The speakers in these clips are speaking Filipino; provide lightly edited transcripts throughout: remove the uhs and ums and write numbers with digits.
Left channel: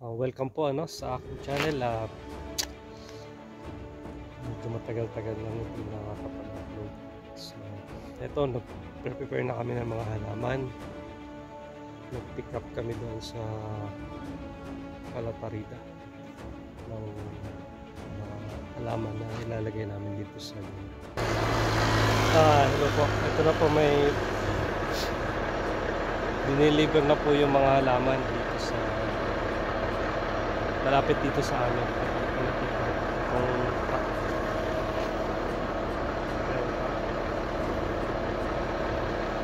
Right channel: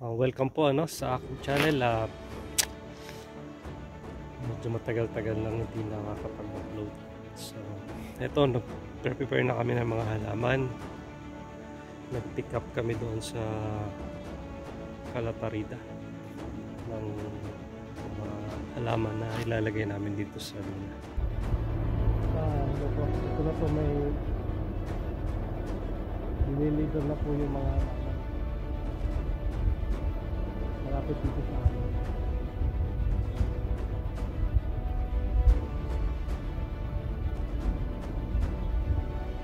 Welcome po sa aking channel. Medyo matagal-tagal lang hindi nakakapag-upload. So, eto, nag-prepare na kami ng mga halaman. Nag-pick up kami doon sa Calatarida ng mga halaman na ilalagay namin dito sa luna. Hello po. Ito na po, may diniliver na po yung mga halaman dito sa malapit dito sa amin.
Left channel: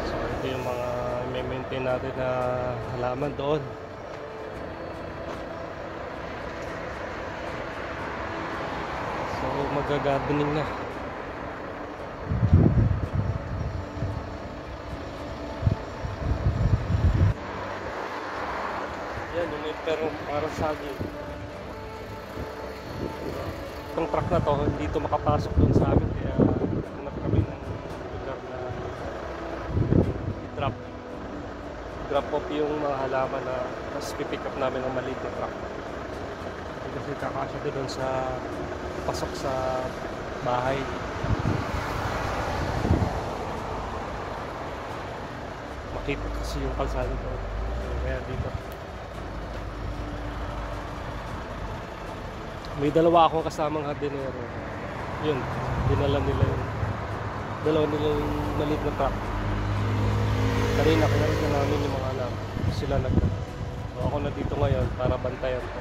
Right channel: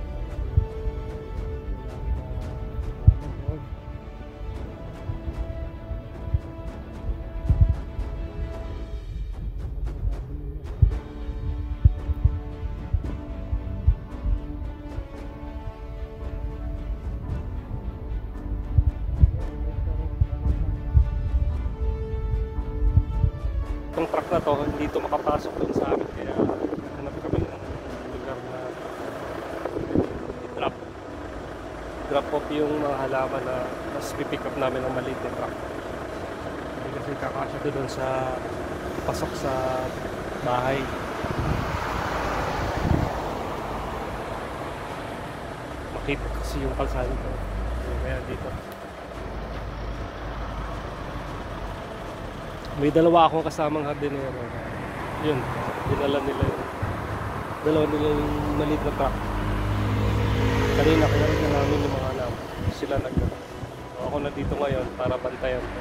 So ito yung mga i-maintain natin na halaman doon. So mag-gardening na. Yan yung may pero parang sabi itong truck na to, hindi ito makapasok doon sa amin, kaya naghanap kami ng lugar na i-drop off yung mga halaman na mas pipick up namin ng maliit na truck. Hindi kasi kakasya doon sa pasok sa bahay. Makipot kasi yung kalsada doon, kaya dito. May dalawa akong kasamang hardinero. Yun, dinala nila yun. Dalawa nila yung maliit na truck. Kanina kinarit na namin yung mga halaman. Sila nagdala. So ako na dito ngayon para bantayan ko.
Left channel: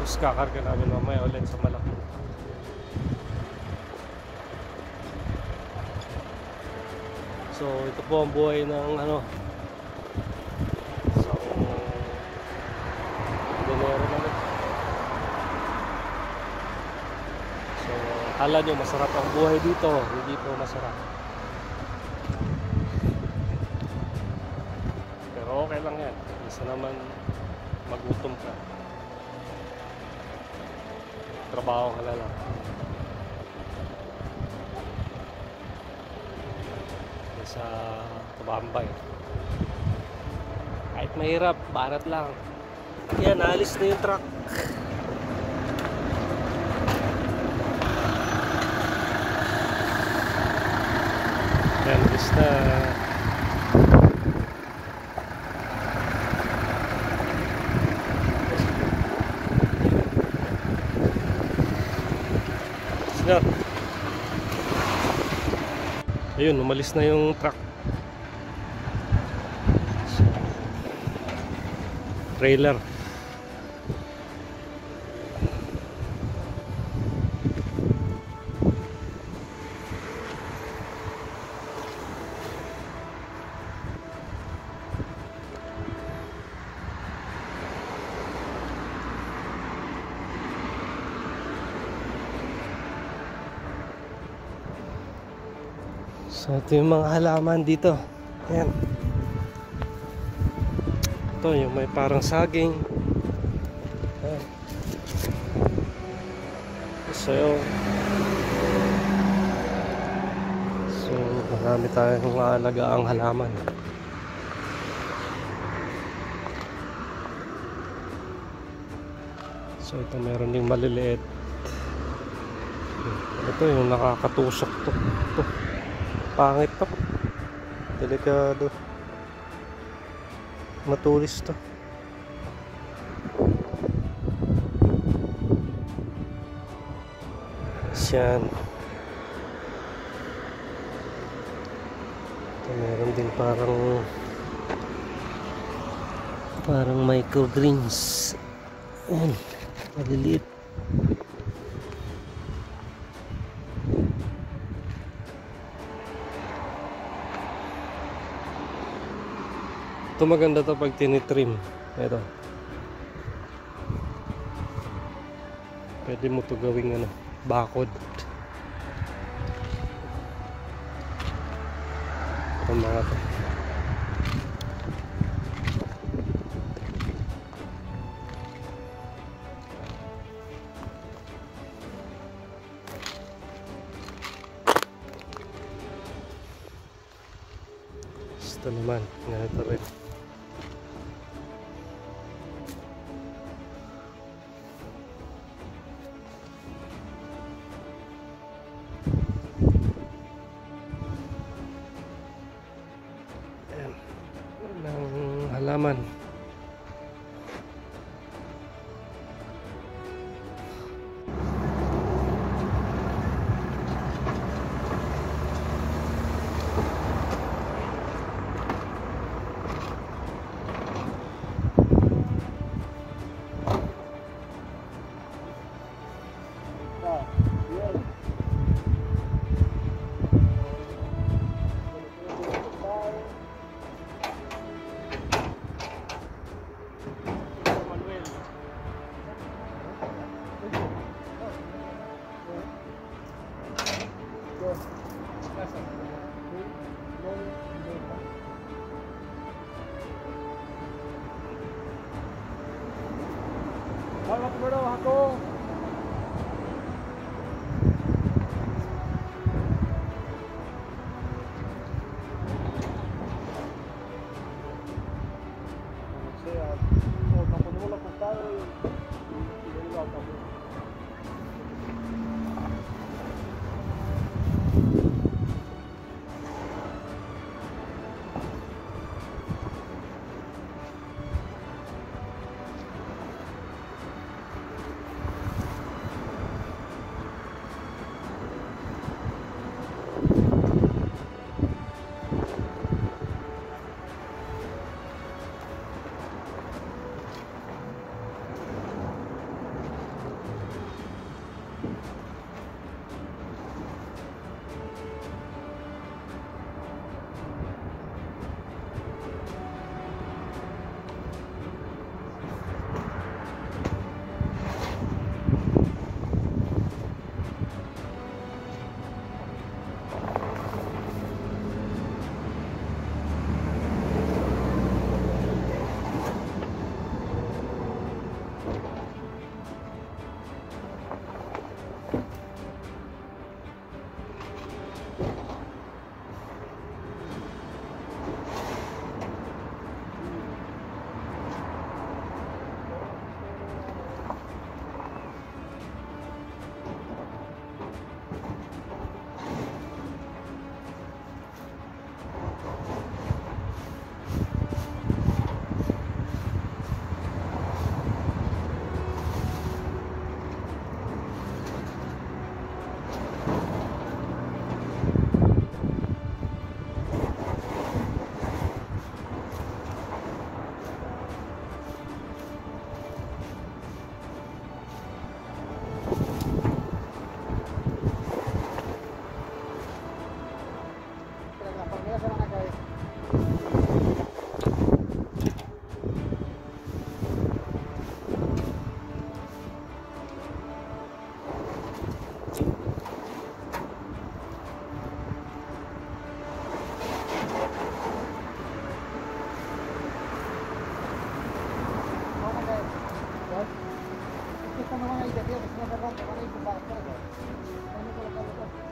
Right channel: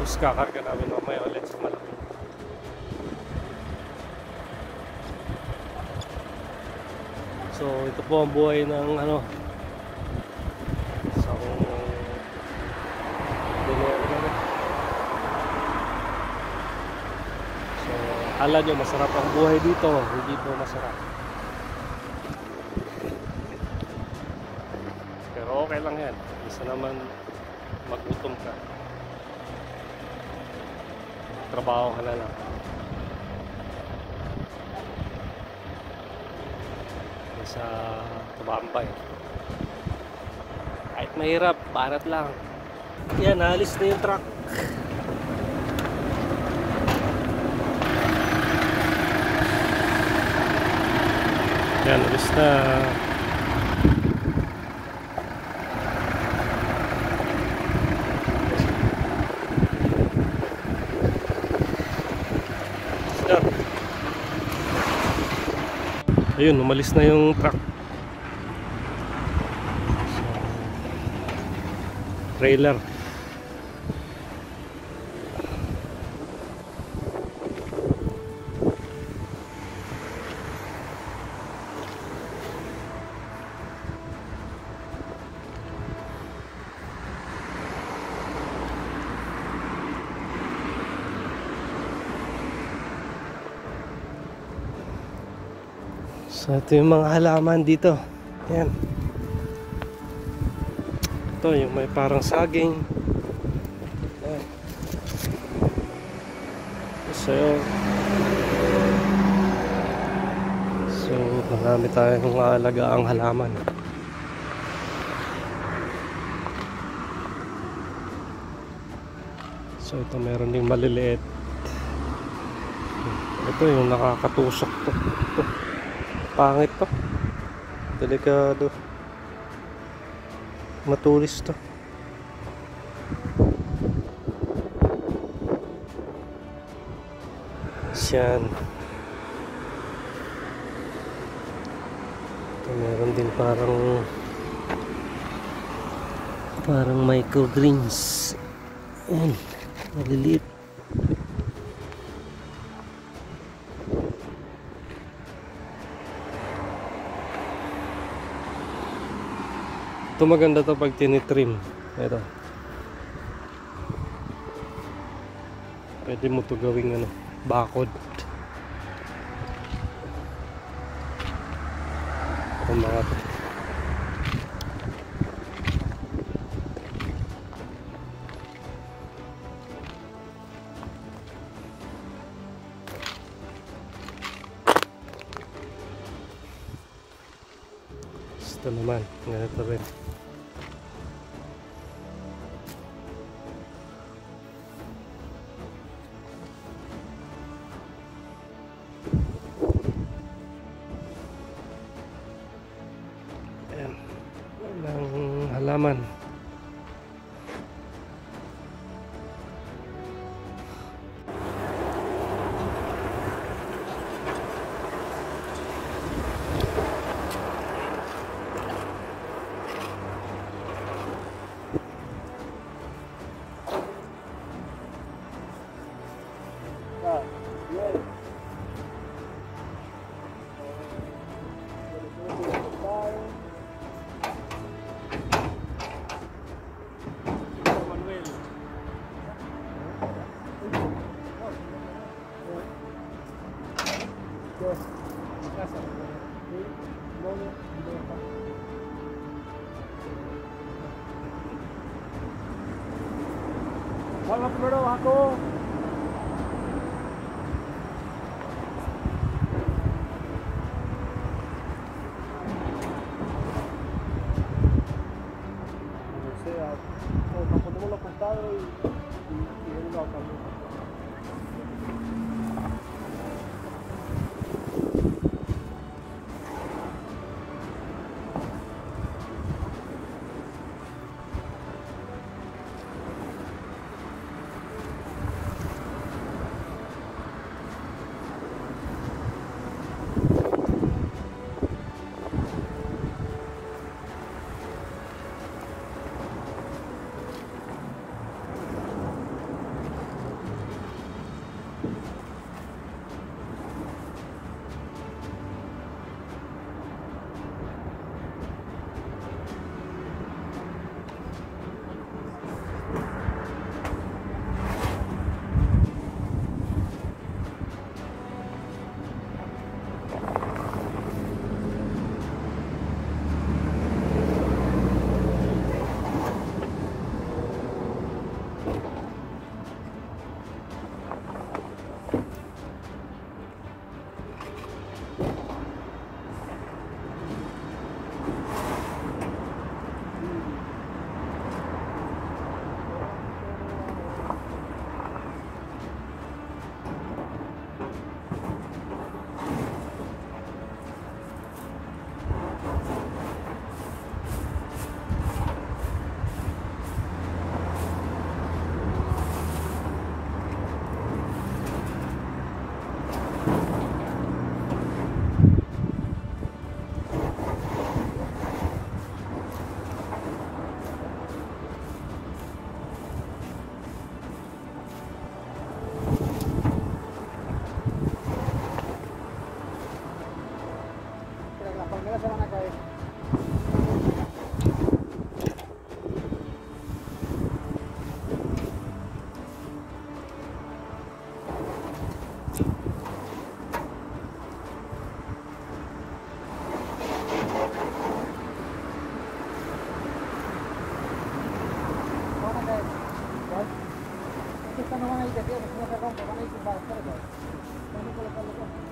Tapos kakarga namin mamaya ulit sa malaki. So ito po ang buhay ng dinero na rin. So akala nyo masarap ang buhay dito, hindi po masarap, pero okay lang yan. Isa naman magutom ka, trabaho ka na lang. Sa tumambay kahit mahirap, barat lang. Yan, alis na yung truck. Yan, alis na. Ayun, umalis na yung truck. Trailer. So ito yung mga halaman dito. Ayan. Ito yung may parang saging. Ayan. So marami tayong alagaan halaman. So ito meron din maliliit. Ito yung nakakatusok to. Ito. Pangit to. Delikado. Matulis to. Yan. Ito meron din parang microgreens. Ayan, maliliit. Ito maganda to pag tinitrim. Ito. Pwede mo to gawing bakod. Itong mga to. Ito naman, ganito rin. Ayan, ng halaman. Vamos primero ako. O sea, o ponemos los costados y de un lado también. Las palmeras se van a caer. Van a caer. Es que estas no van a ir de pie, porque si no se rompe, van a ir tumbadas. Espérate. Déjame colocarlo todo.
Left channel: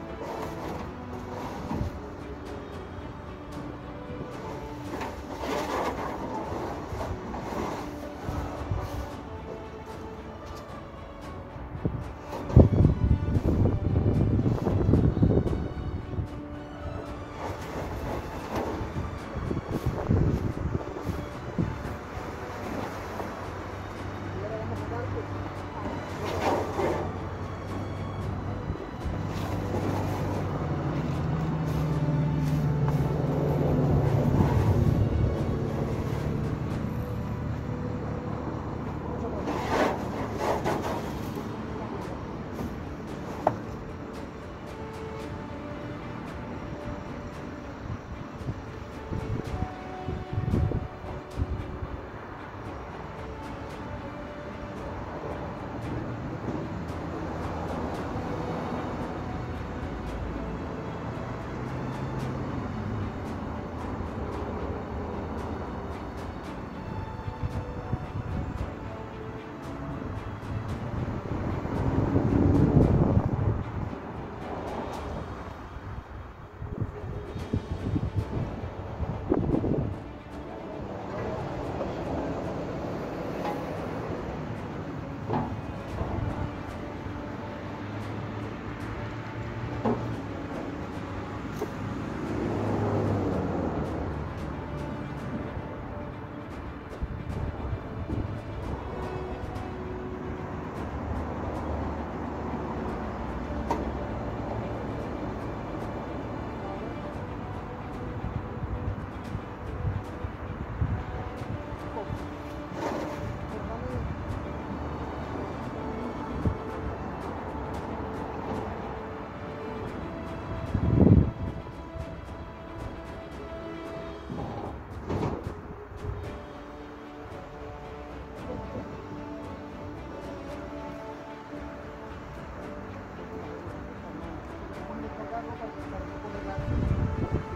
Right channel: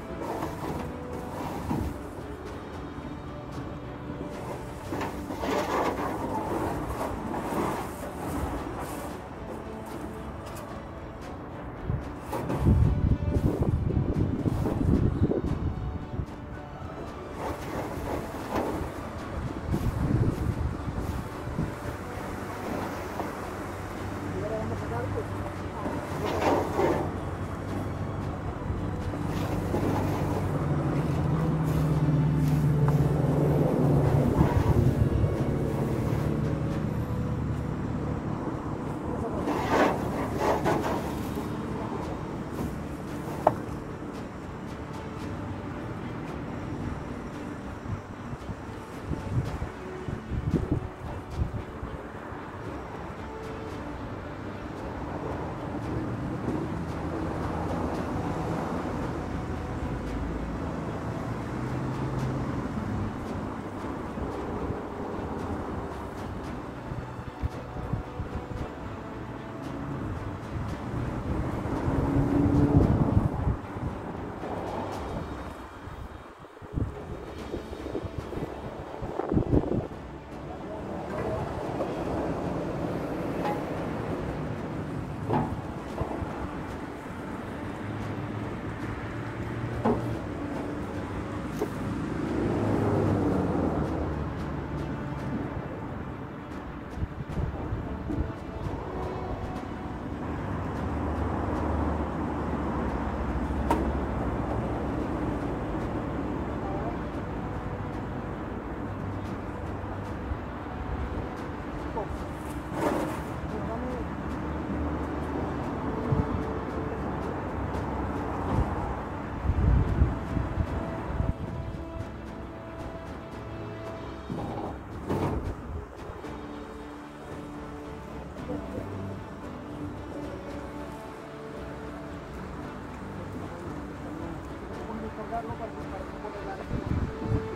Para no ponerla aquí.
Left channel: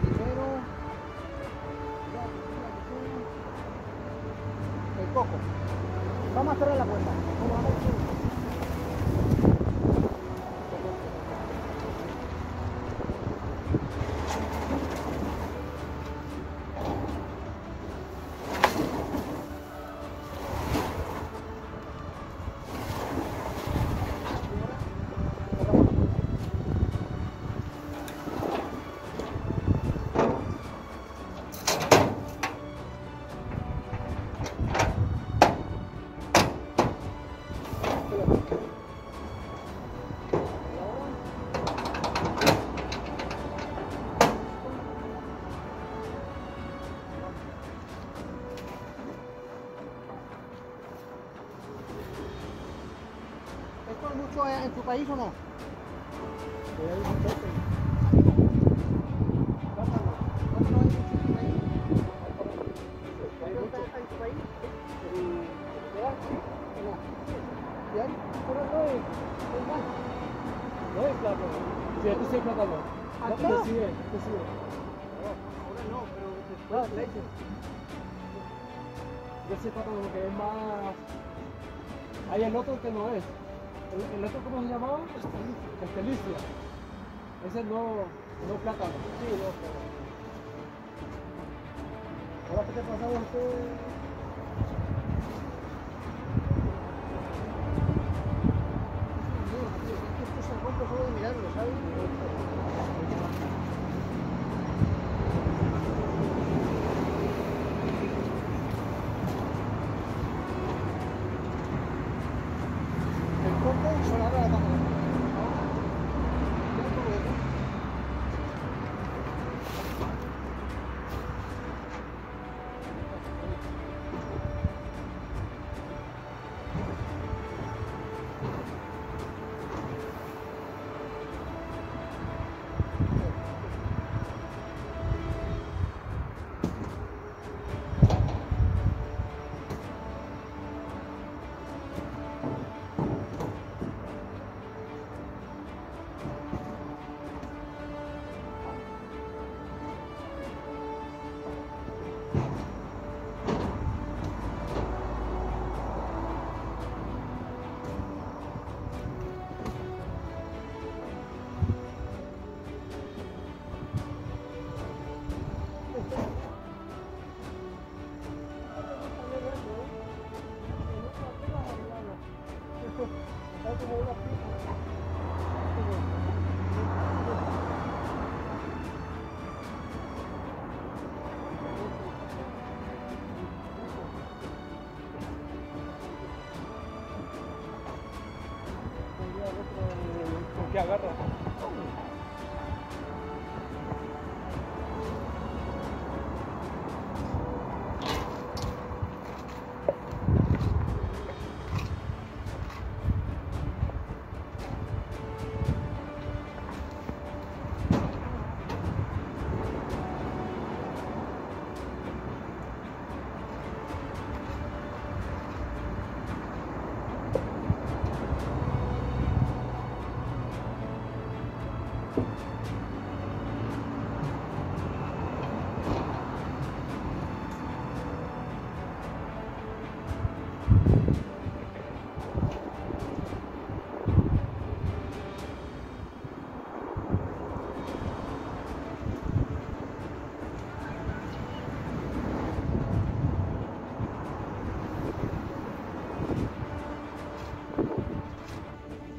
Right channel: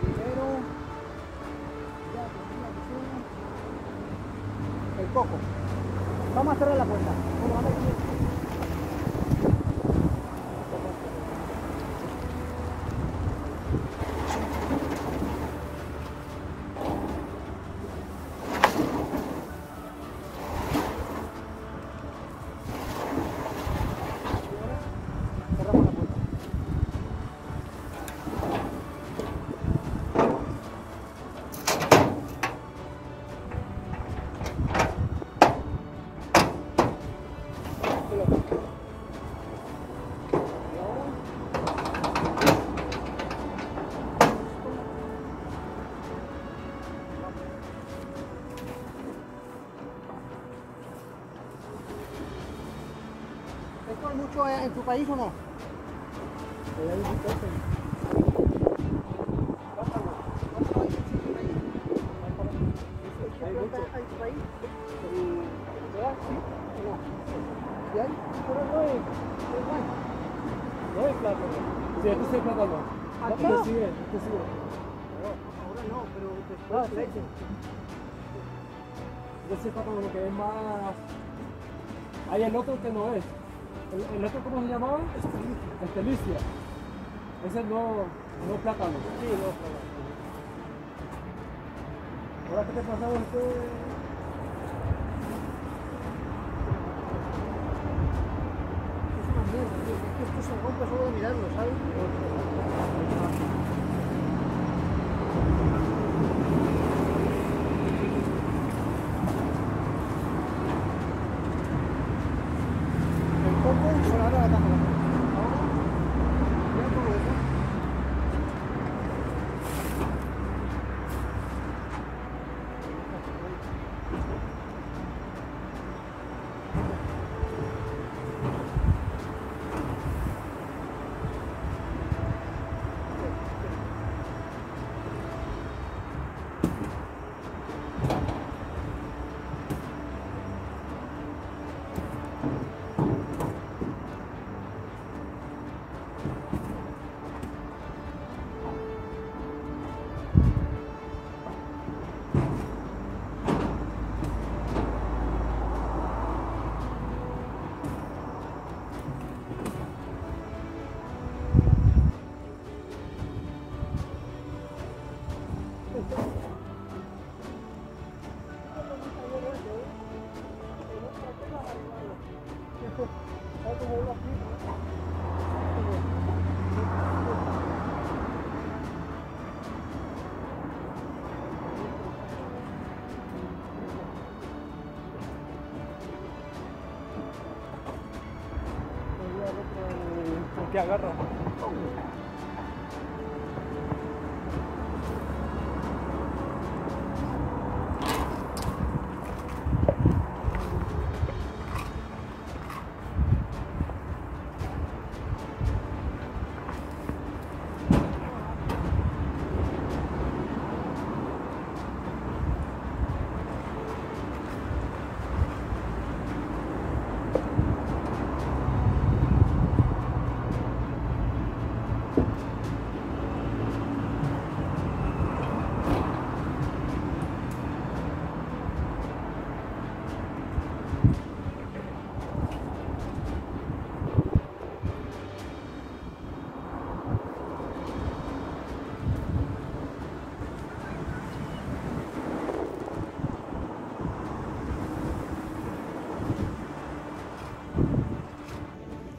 Primero, ya, el coco. Vamos a cerrar la puerta. Bueno, vamos a ver. Cerramos la puerta. ¿Esto es mucho en tu país o no? Plátano. ¿Cuánto hay en tu país? ¿Hay mucho en tu país? ¿Sí o no? ¿Sí hay? Pero no es igual. No es plátano. Sí, esto sí es plátano. ¿Aquí? No, este sí es, este sí es. Ahora no, pero después le dicen. Yo sí es plátano porque es más... Hay el otro que no es. ¿El otro cómo se llamaba? Estelicia. Ese no plátano. Sí, no, pero... Ahora que te pasamos Es una mierda, tío. Es que esto se rompe solo de mirarlo, ¿sabes? El coco, solo ahora la tajo. Ahora, ya todo eso. Está como una pica. El que agarra.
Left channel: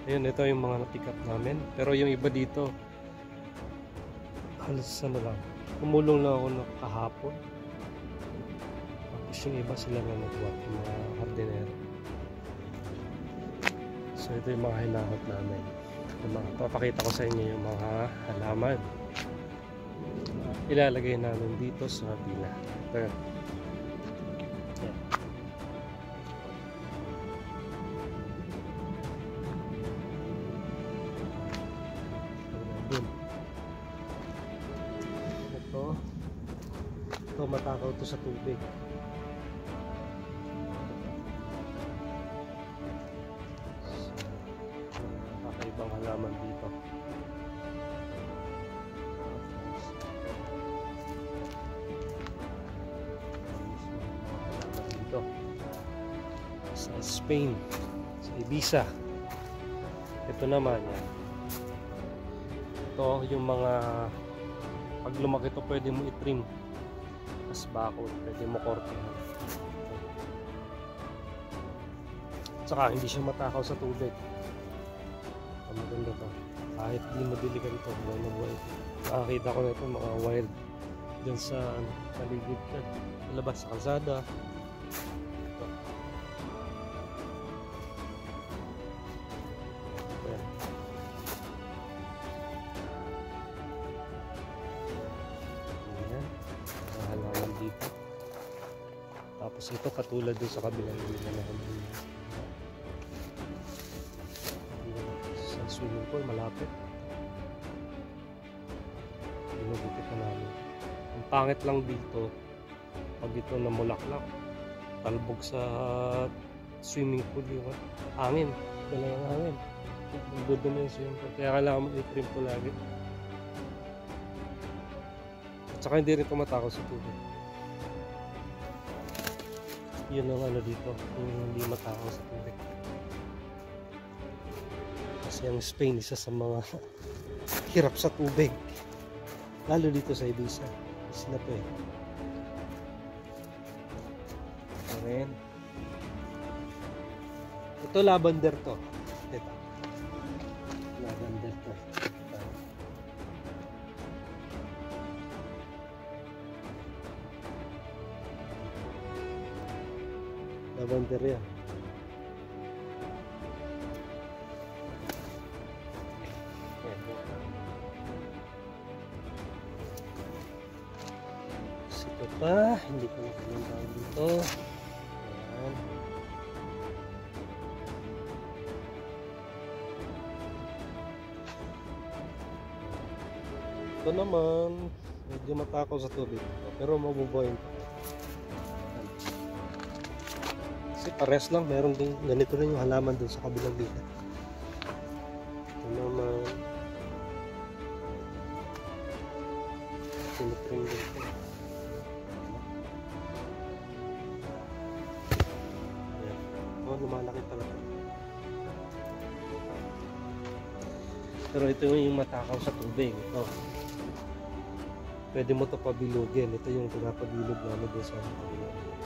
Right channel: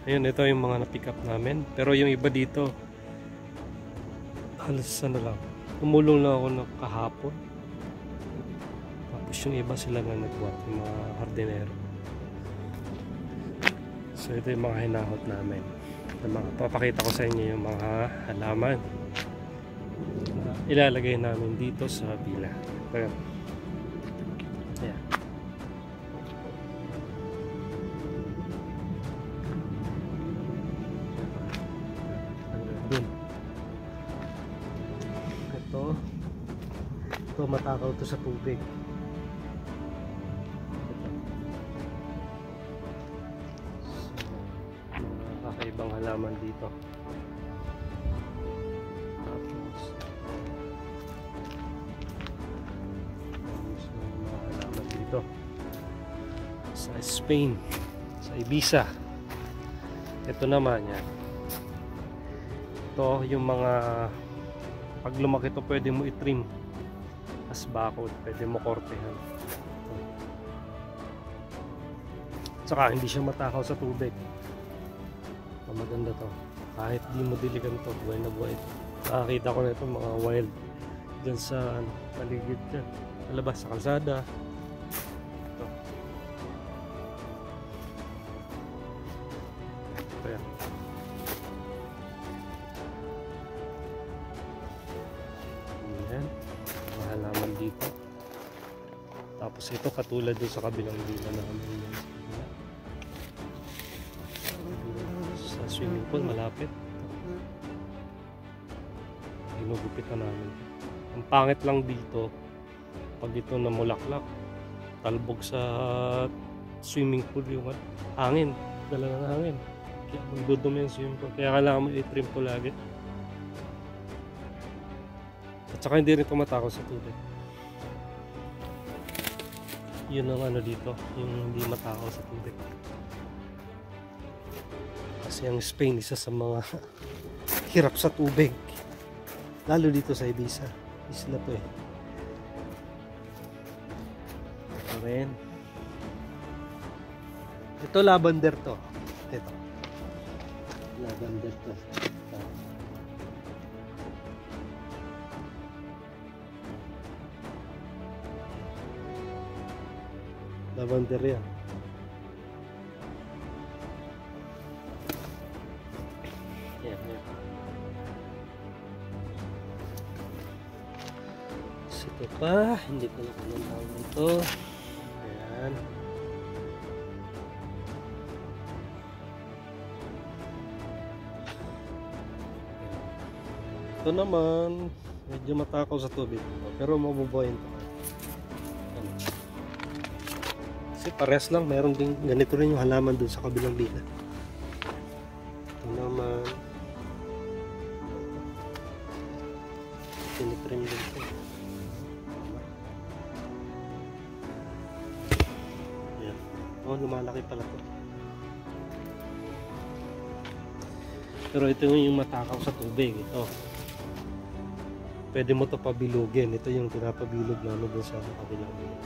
Ayun, ito yung mga na-pick up namin. Pero yung iba dito, halos ano lang, umulong lang ako na kahapon. Tapos yung iba sila na nagwat, yung mga hardinero. So ito yung mga hinahot namin. Papakita ko sa inyo yung mga halaman na ilalagay namin dito sa villa. Ayan. Yeah. Dun. Ito. to, matakaw to sa tubig. So, mga kakaibang halaman dito. Tapos mga halaman dito sa Spain, sa Ibiza. Ito naman yan. Ito yung mga pag lumaki to pwede mo i-trim as bakod, pwede mo kortehan. Tsaka hindi siya matakaw sa tubig. Maganda to, kahit di mo diligan to, buhay na buhay to. Nakakita ko na ito mga wild dyan sa paligid dyan, sa labas sa kalsada. Ito. Ayan. Ayan, mga halaman dito. Tapos ito katulad dun sa kabilang villa namin, sa swimming pool malapit. Ginugupitan namin. Ang pangit lang dito pag ito namulaklak, talbog sa swimming pool yung hangin, dala ng hangin, kaya magdudumi yung swimming pool, kaya kailangan mo i-trim to lagi. At saka hindi rin tumatakaw sa tubig. Yun ang ano dito, yung hindi matakaw sa tubig. Kasi ang Spain isa sa mga hirap sa tubig, lalo dito sa Ibiza. Isla to eh. Ito rin. Ito lavender to. Ito lavender to. Lavender yan. Yan. Ito pa, hindi ko na kumantahan dito. Ayan. Ito naman, medyo matakaw sa tubig. Pero mabubuhayin to. Ano? Kasi pares lang, meron din ganito rin yung halaman dun sa kabilang villa. Ito naman, tinitrim din ito. Ayan. Oh, lumalaki pala ito. Pero ito yung matakaw sa tubig. Ito, pwede mo ito pabilugin. Ito yung pinapabilog namin dun sa kabilang villa.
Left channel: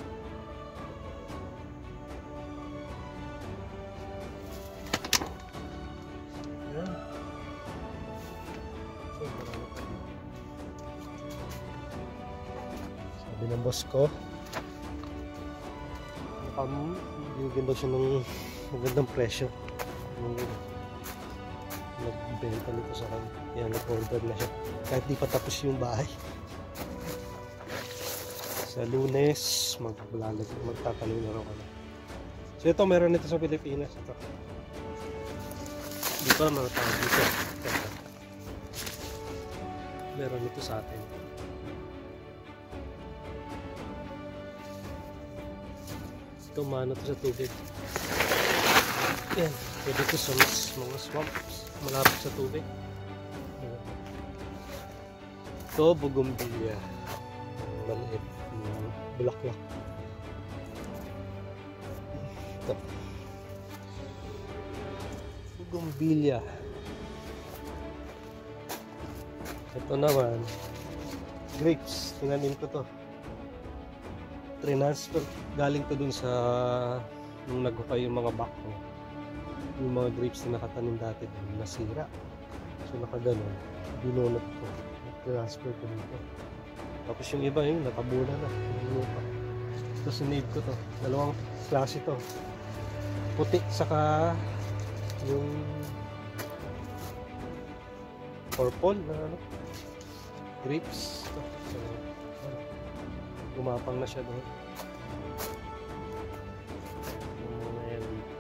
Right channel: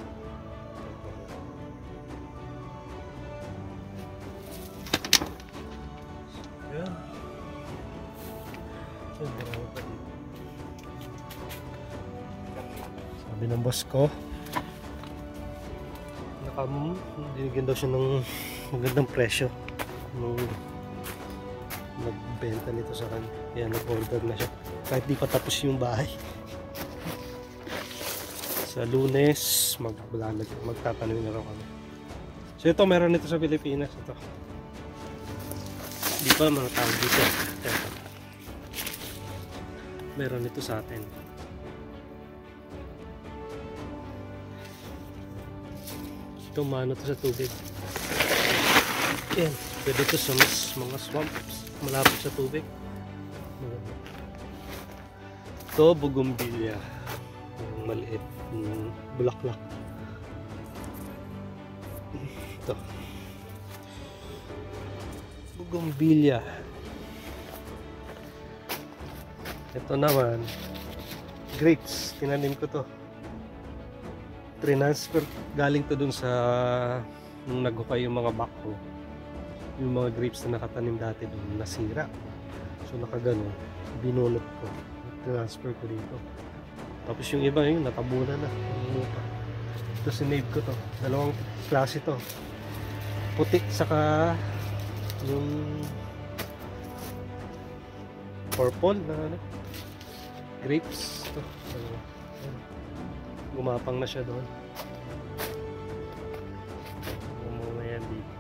Sabi ng boss ko, binigyan daw siya ng magandang presyo nung nagbenta nito sa kanya. Kaya nag-order na siya kahit di pa tapos yung bahay. Sa Lunes magtatanim na raw kami. So ito, meron nito sa Pilipinas. Ito, hindi pa naman tawag dito. Meron nito sa atin. Ito, mano to sa tubig. Yan, pwede ito sa mga swamps malapit sa tubig. Ito, bougainvillea, maliit, bulaklak. Ito, bougainvillea. Ito naman, grapes. Tinanim ko to. Transfer galing to dun sa nung naghukay yung mga backhoe. Yung mga grapes na nakatanim dati dun nasira. So nakaganon, binunot ko. Transfer ko dito. Tapos yung iba yun, natabunan na yung lupa. Ito sinave ko to. Dalawang klase to. Puti saka yung purple na ano, grapes to. So gumapang na siya doon. Yung mga yan dito.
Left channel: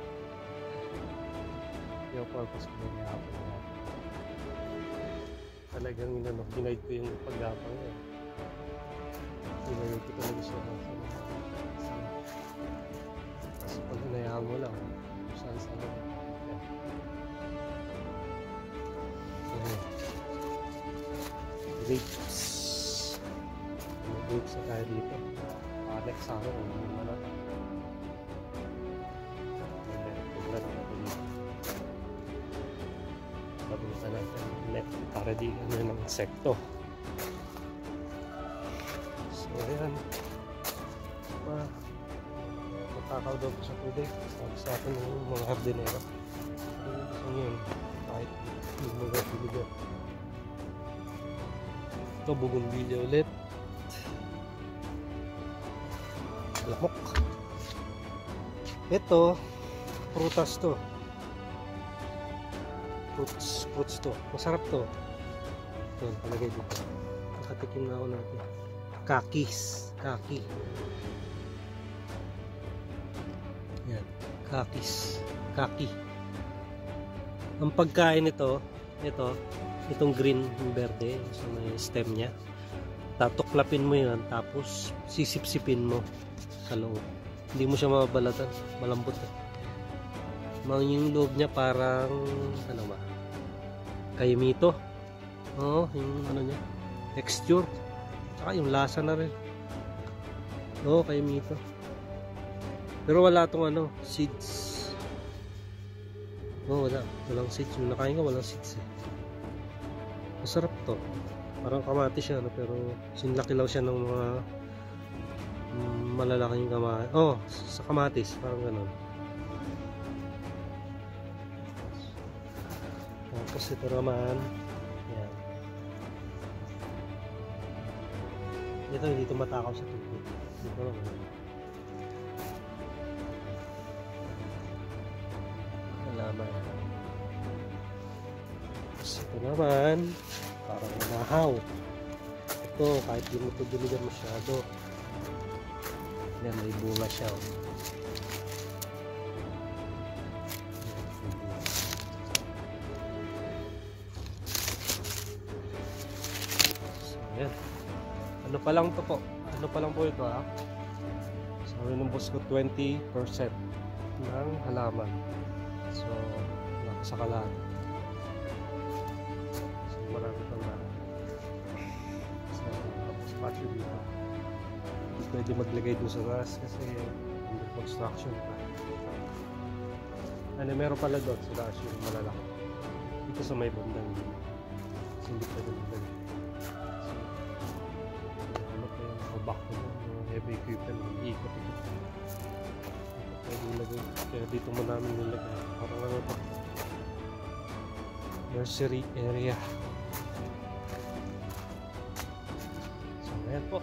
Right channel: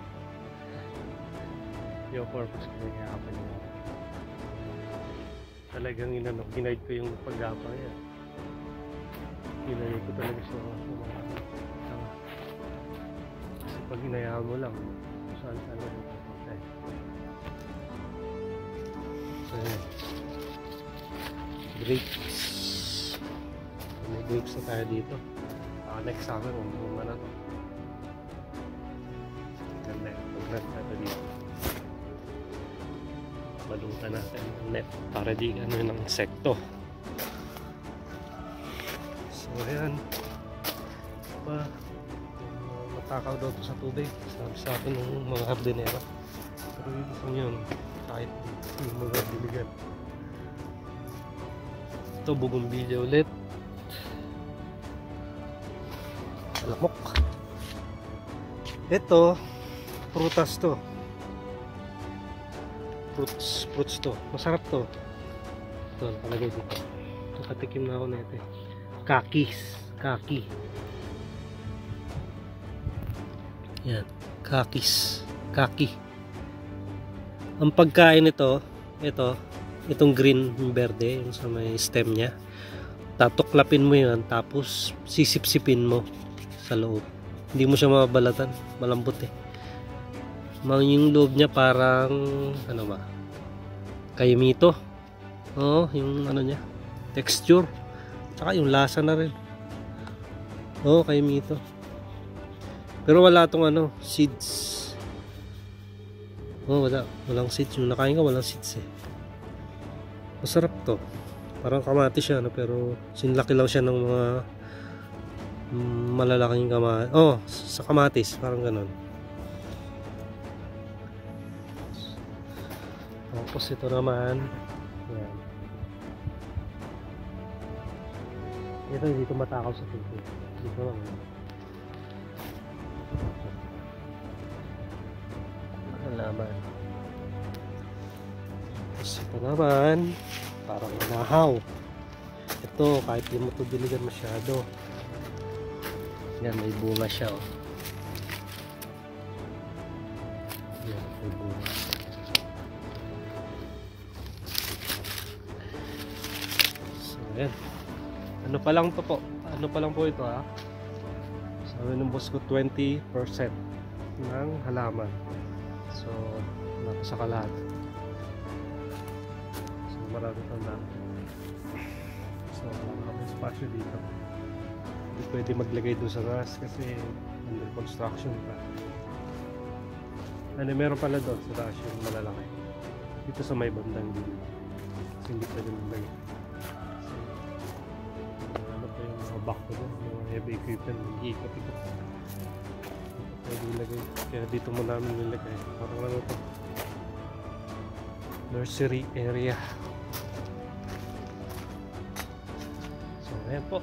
Yung purpose ko na ihapin na. Talagang inano, ginaid ko yung paggapang yan. Nilagay ko talaga siya sa mga sanga. Kasi pag hinayaan mo lang, kung saan saan lang makikita eh. So ayan. Grapes. May grapes na tayo dito. Next summer, umunga na to. Ganda yun. Pag natin dito. Balutan natin yung net para di ano yung insekto. So ayan. Matakaw daw to sa tubig. Sabi sa atin ng mga hardinero. Pero dito sa yun, kahit yung mga biligan. Ito, bougainvillea ulit. Lamok. Ito, prutas to. Fruits to. Masarap to. Ito, nakalagay dito. Nakatikim na ako na ito. Kaki. Yan. Kaki. Ang pagkain nito, itong green verde, yung sa may stem niya. Tatuklapin mo yan, tapos sisipsipin mo sa loob. Hindi mo siya mababalatan. Malambot eh. Yung loob niya parang ano ba? Kayumito. Oo, yung ano niya. Texture. Tsaka yung lasa na rin. Oo, kayumito. Pero wala tong ano, seeds. Oo, walang seeds. Yung nakain ka, walang seeds eh. Masarap to. Parang kamatis siya, no? Pero sinlaki lang siya ng mga malalaking kamatis. Oh, sa kamatis, parang ganun. Tapos ito naman, yan. Ito hindi ito matakaw sa tubig. Dito lang. Alaman. Tapos ito naman, parang nahaw. Ito, kahit di mo ito diligan masyado. Yan, may bunga siya. Oh. Yan, may bunga. So, yan. Ano pa lang to po? Ano pa lang po ito ha? Sabi ng boss ko, 20% ng halaman. So, wala pa sa kalat. So, marami pang lang. So, wala pa spatio dito. Hindi pwede maglagay dun sa grass kasi under construction pa. Ano, meron pala doon sa grass yung malalaki. Dito sa may bandang gilid. Kasi hindi pwede maglagay. So, ano pa yung mga back ko doon, mga heavy equipment, mag-iikot-ikot. Dito pwede ilagay. Kaya dito mo namin nilagay. Parang ano to? Nursery area. So, ngayon po.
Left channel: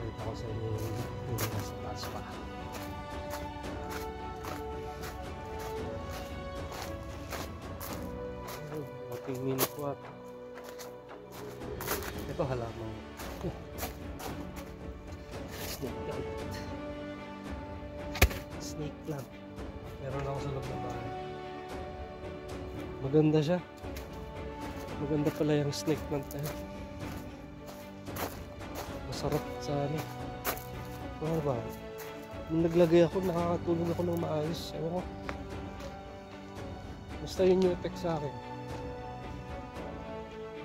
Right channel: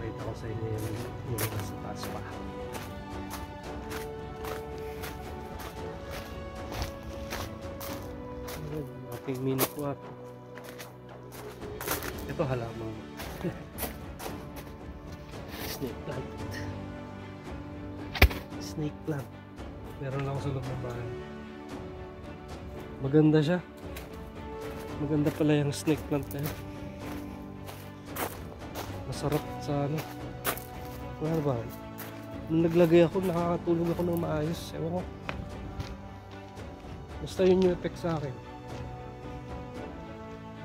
Pakita ko sa inyo yung nasa taas pa. Ating mini quad. Ito halaman. Snake plant. Snake plant. Meron ako sa loob ng bahay. Maganda siya. Maganda pala yung snake plant na yun. Masarap sa ano. Ano ba? Nung naglagay ako, nakakatulog ako ng maayos. Ewan ko. Basta yun yung effect sa akin.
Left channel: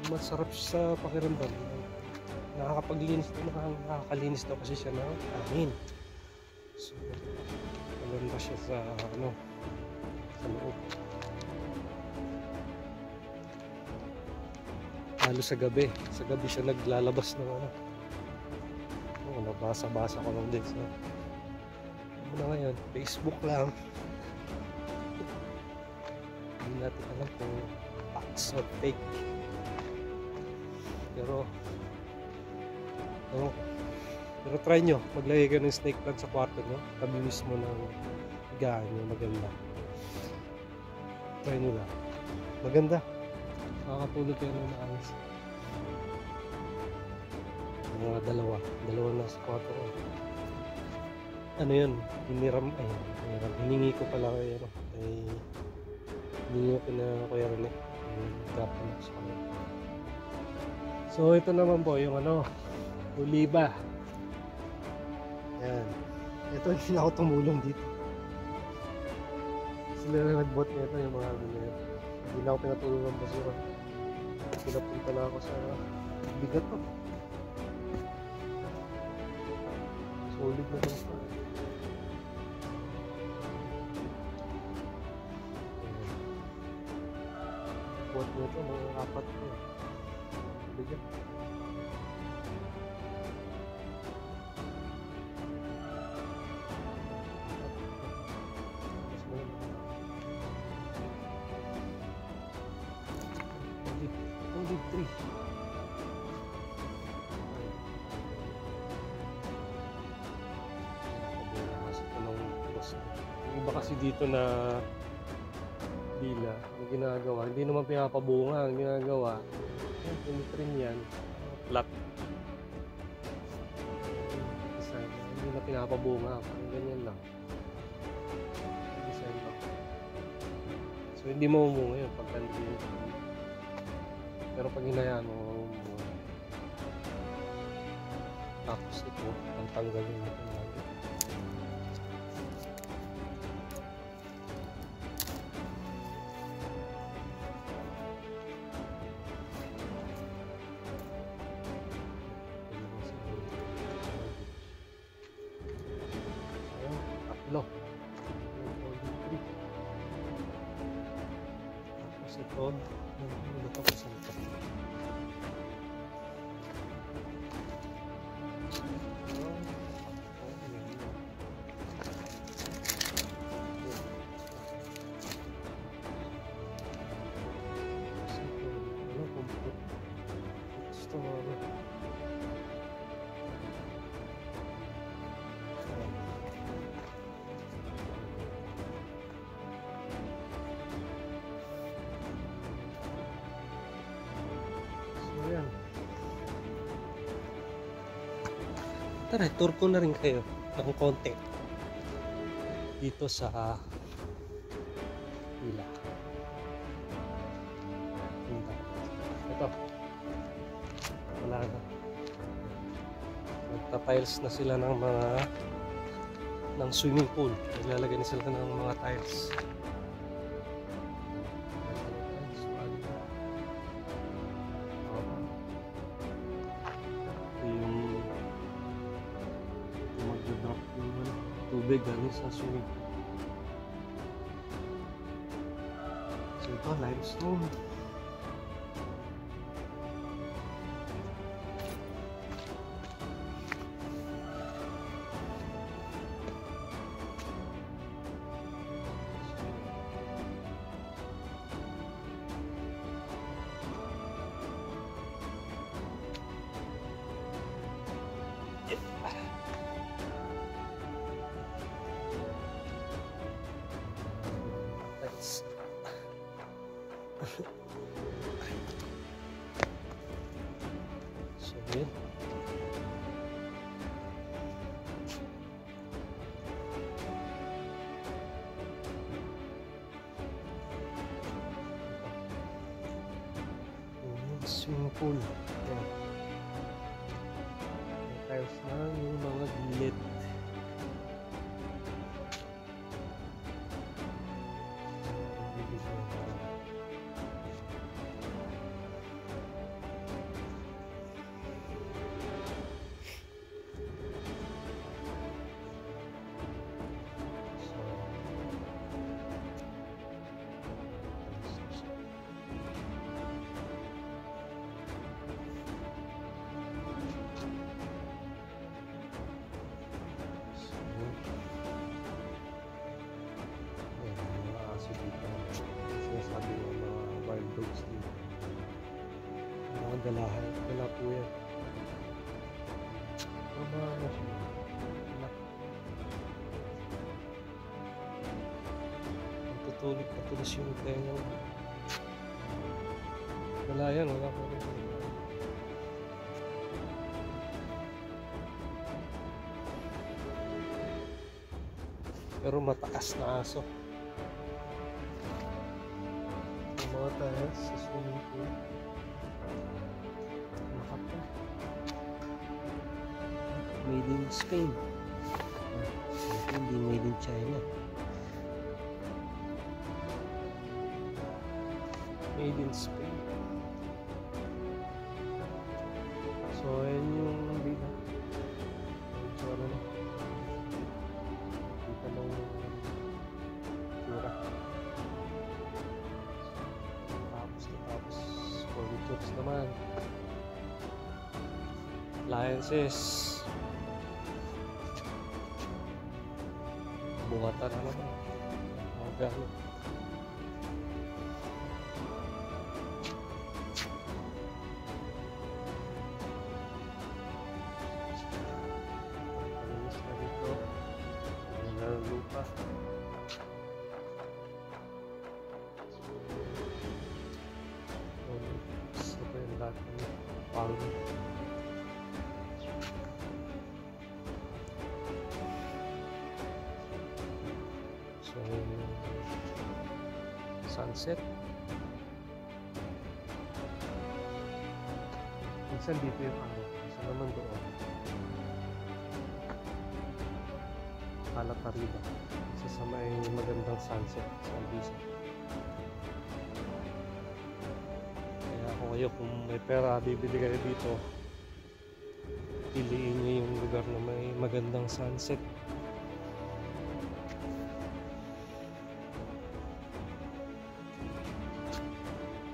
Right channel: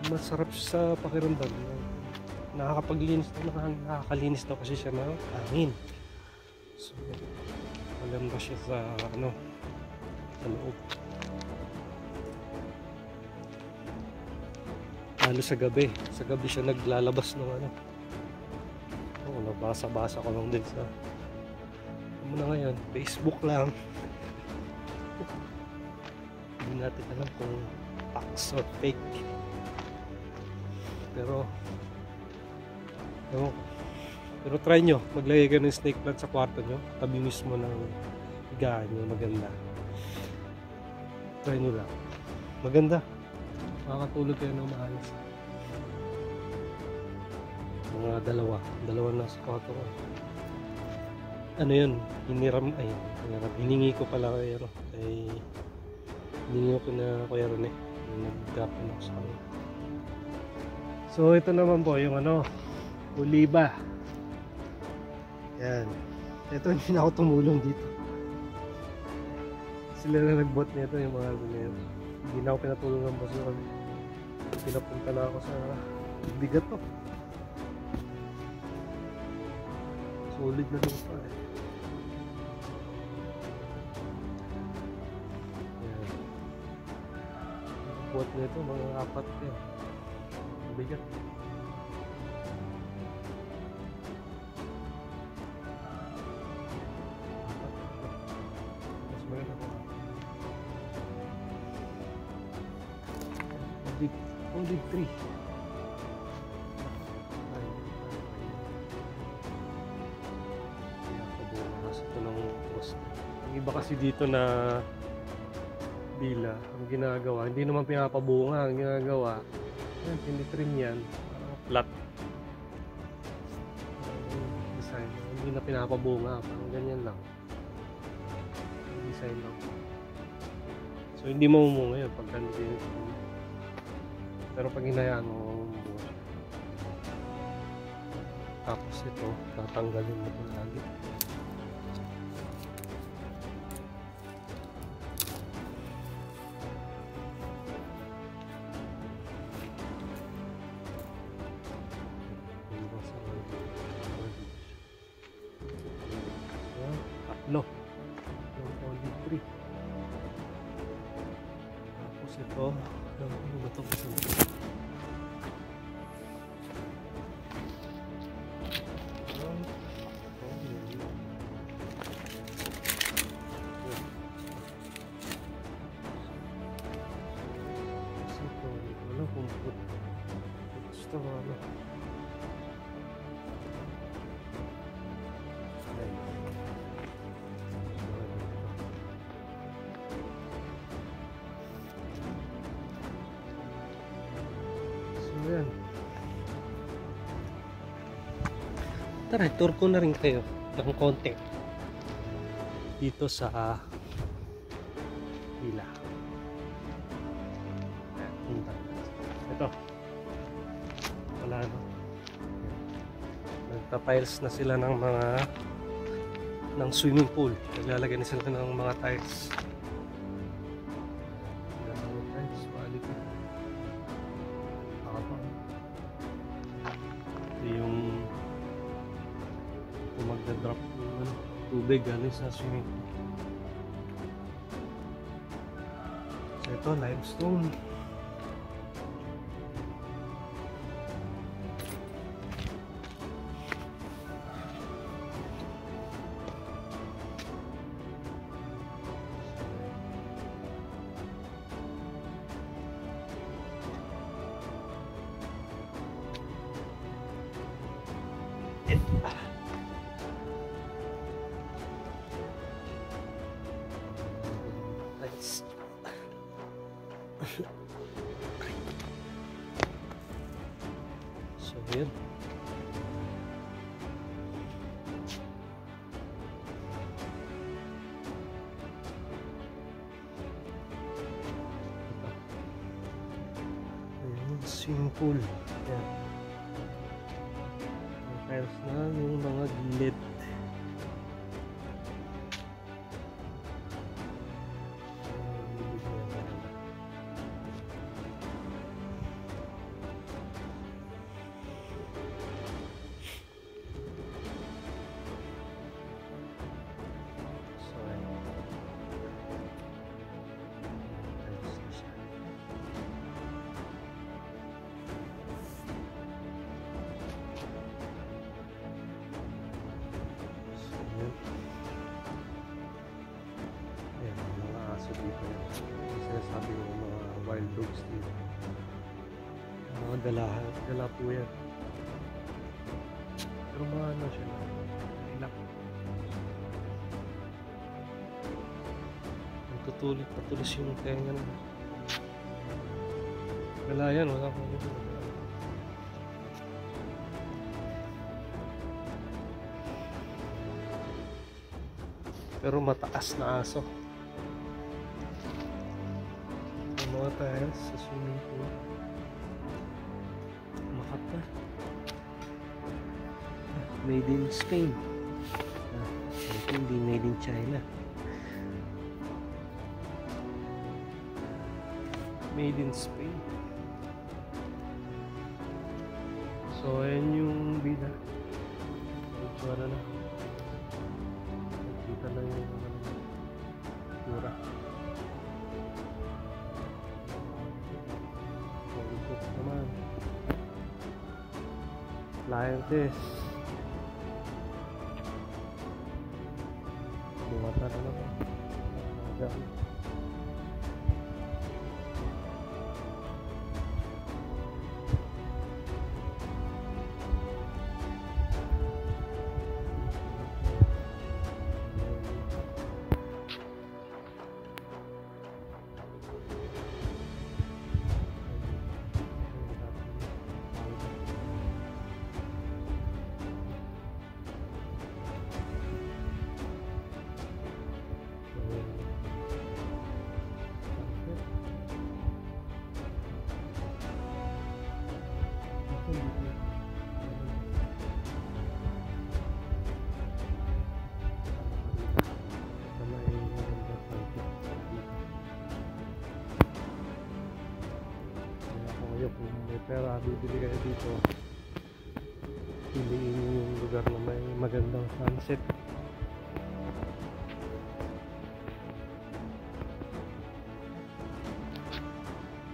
Masarap siya sa pakiramdam. Nakakalinis daw kasi siya ng hangin. So, maganda siya sa ano, sa loob. Lalo sa gabi. Sa gabi siya naglalabas ng ano. Oo, nabasa-basa ko lang din sa ano na ngayon, Facebook lang. Hindi natin alam kung facts or fake. Pero try nyo, maglagay ka ng snake plant sa kwarto nyo, tabi mismo ng higaan nyo, maganda. Try nyo lang, maganda, makakatulog kayo ng maayos. Mga dalawa na sa kwarto ko. Ano yun, hiningi ko pala kay hiningi ko na Kuya Rene, nag-drop na sa kanya. So ito naman po yung ano, Oliva. Yan. Ito hindi na ako tumulong dito. Sila na nagbot nito yung mga ano na yun. Hindi na ako pinatulong ng boss ko. Pinapunta na ako sa bigat to. Solid na lupa eh. Yan. Bot nito mga 4 yan. Bigat. Mas maganda ko. Olive tree. Ay. Nakabukas ito ng boss. Yung iba kasi dito na dila, ang ginagawa, hindi naman pinapabunga. Ang ginagawa, yan, tinitrim yan. Flat. Design. Hindi na pinapabunga. Parang ganyan lang. Design lang. So, hindi mamumunga yun pagka hindi yun. Pero pag hinayaan mo, mamumunga. Tapos ito, tatanggalin mo ito lagi. Tatlo. Yung olive tree. Tapos ito, ano ba ito? Pasan ito? Ano kung put ito ano yan. Tara, tour ko na rin kayo ng konti dito sa Pila. Ito. Wala na. Nagta-tiles na sila ng mga ng swimming pool. Naglalagay na sila ng mga tiles. Yung magda-drop yung tubig galing sa swimming pool. So ito, limestone. So yun. Swimming pool. Yan. May tiles na yung mga gilid. Ayan, mga aso dito. Sinasabi ko mga wild dogs dito. Mga dala po yan. Pero mga ano siya, ilak. Patulis yung tenga na. Dala yan, wala ko rin. Pero mataas na aso. Yung mga tiles sa swimming pool. made in Spain. Ito hindi made in China. Made in Spain. So ayan yung bida. Ito na. Kita na yung tura. Tapos furnitures naman. Appliances. Buhatan na naman. Mga gamit. So, sunset. Minsan dito yung isa naman doon. Kalap na rin. Isa sa may magandang sunset sa Ibiza. Kaya kung kayo kung may pera bibili kayo dito, piliin nyo yung lugar na may magandang sunset.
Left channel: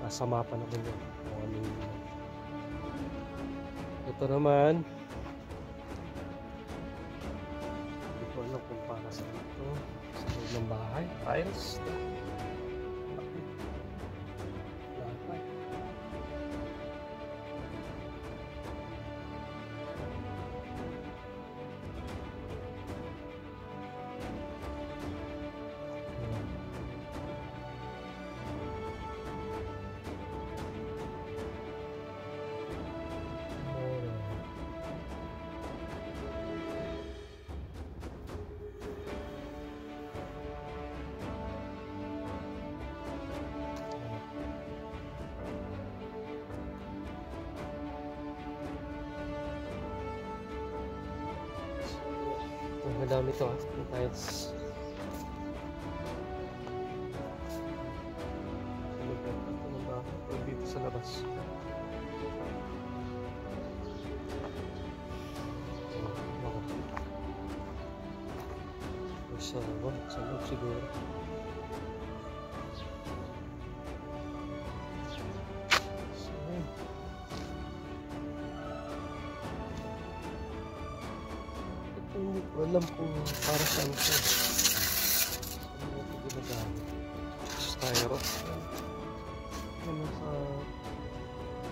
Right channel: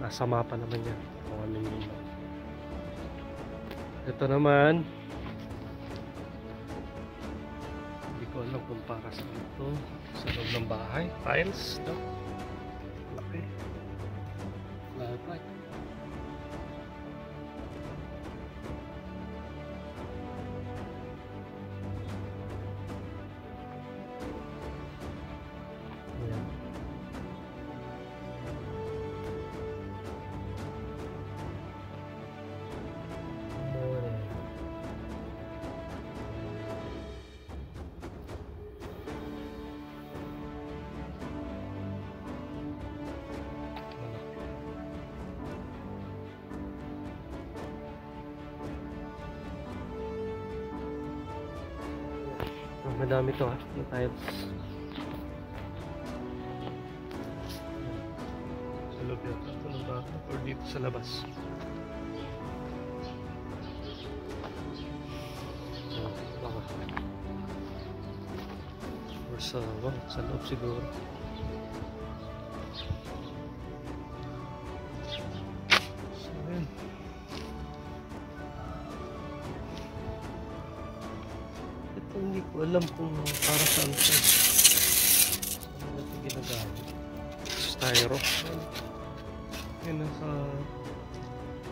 Nasa mapa naman yan kung ano yun. Ito naman, hindi ko alam kung para saan ito. Sa loob ng bahay, tiles no? Laki lalaki. Madami to yung tiles. Sa loob yan ito ng bahay or dito sa labas. Baka or sa loob siguro. So ayan. Hindi ko alam kung para saan ito. Saan ito ginagamit? Styro. Yan nasa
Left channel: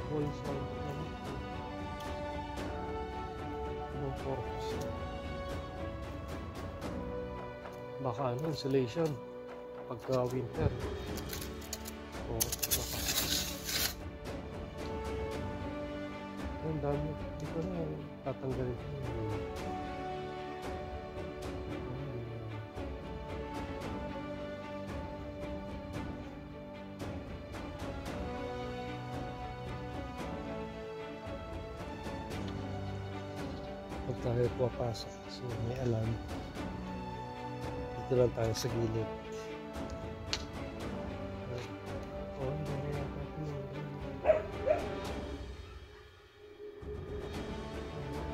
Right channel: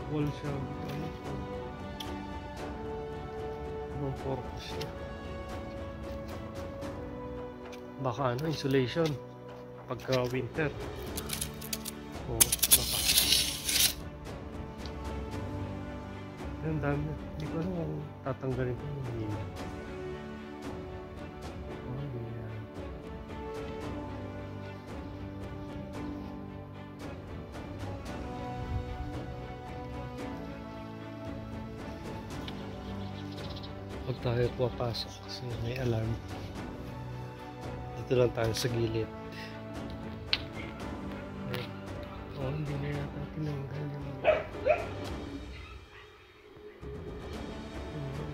wall siya. Anong purpose niya? Baka ano, insulation. Pagka winter. Oo, baka. Yan dami. Hindi ko alam kung tatanggalin ito. Pag tayo pumapasok kasi may alarm, dito lang tayo sa gilid. Hindi na yata tinanggal yung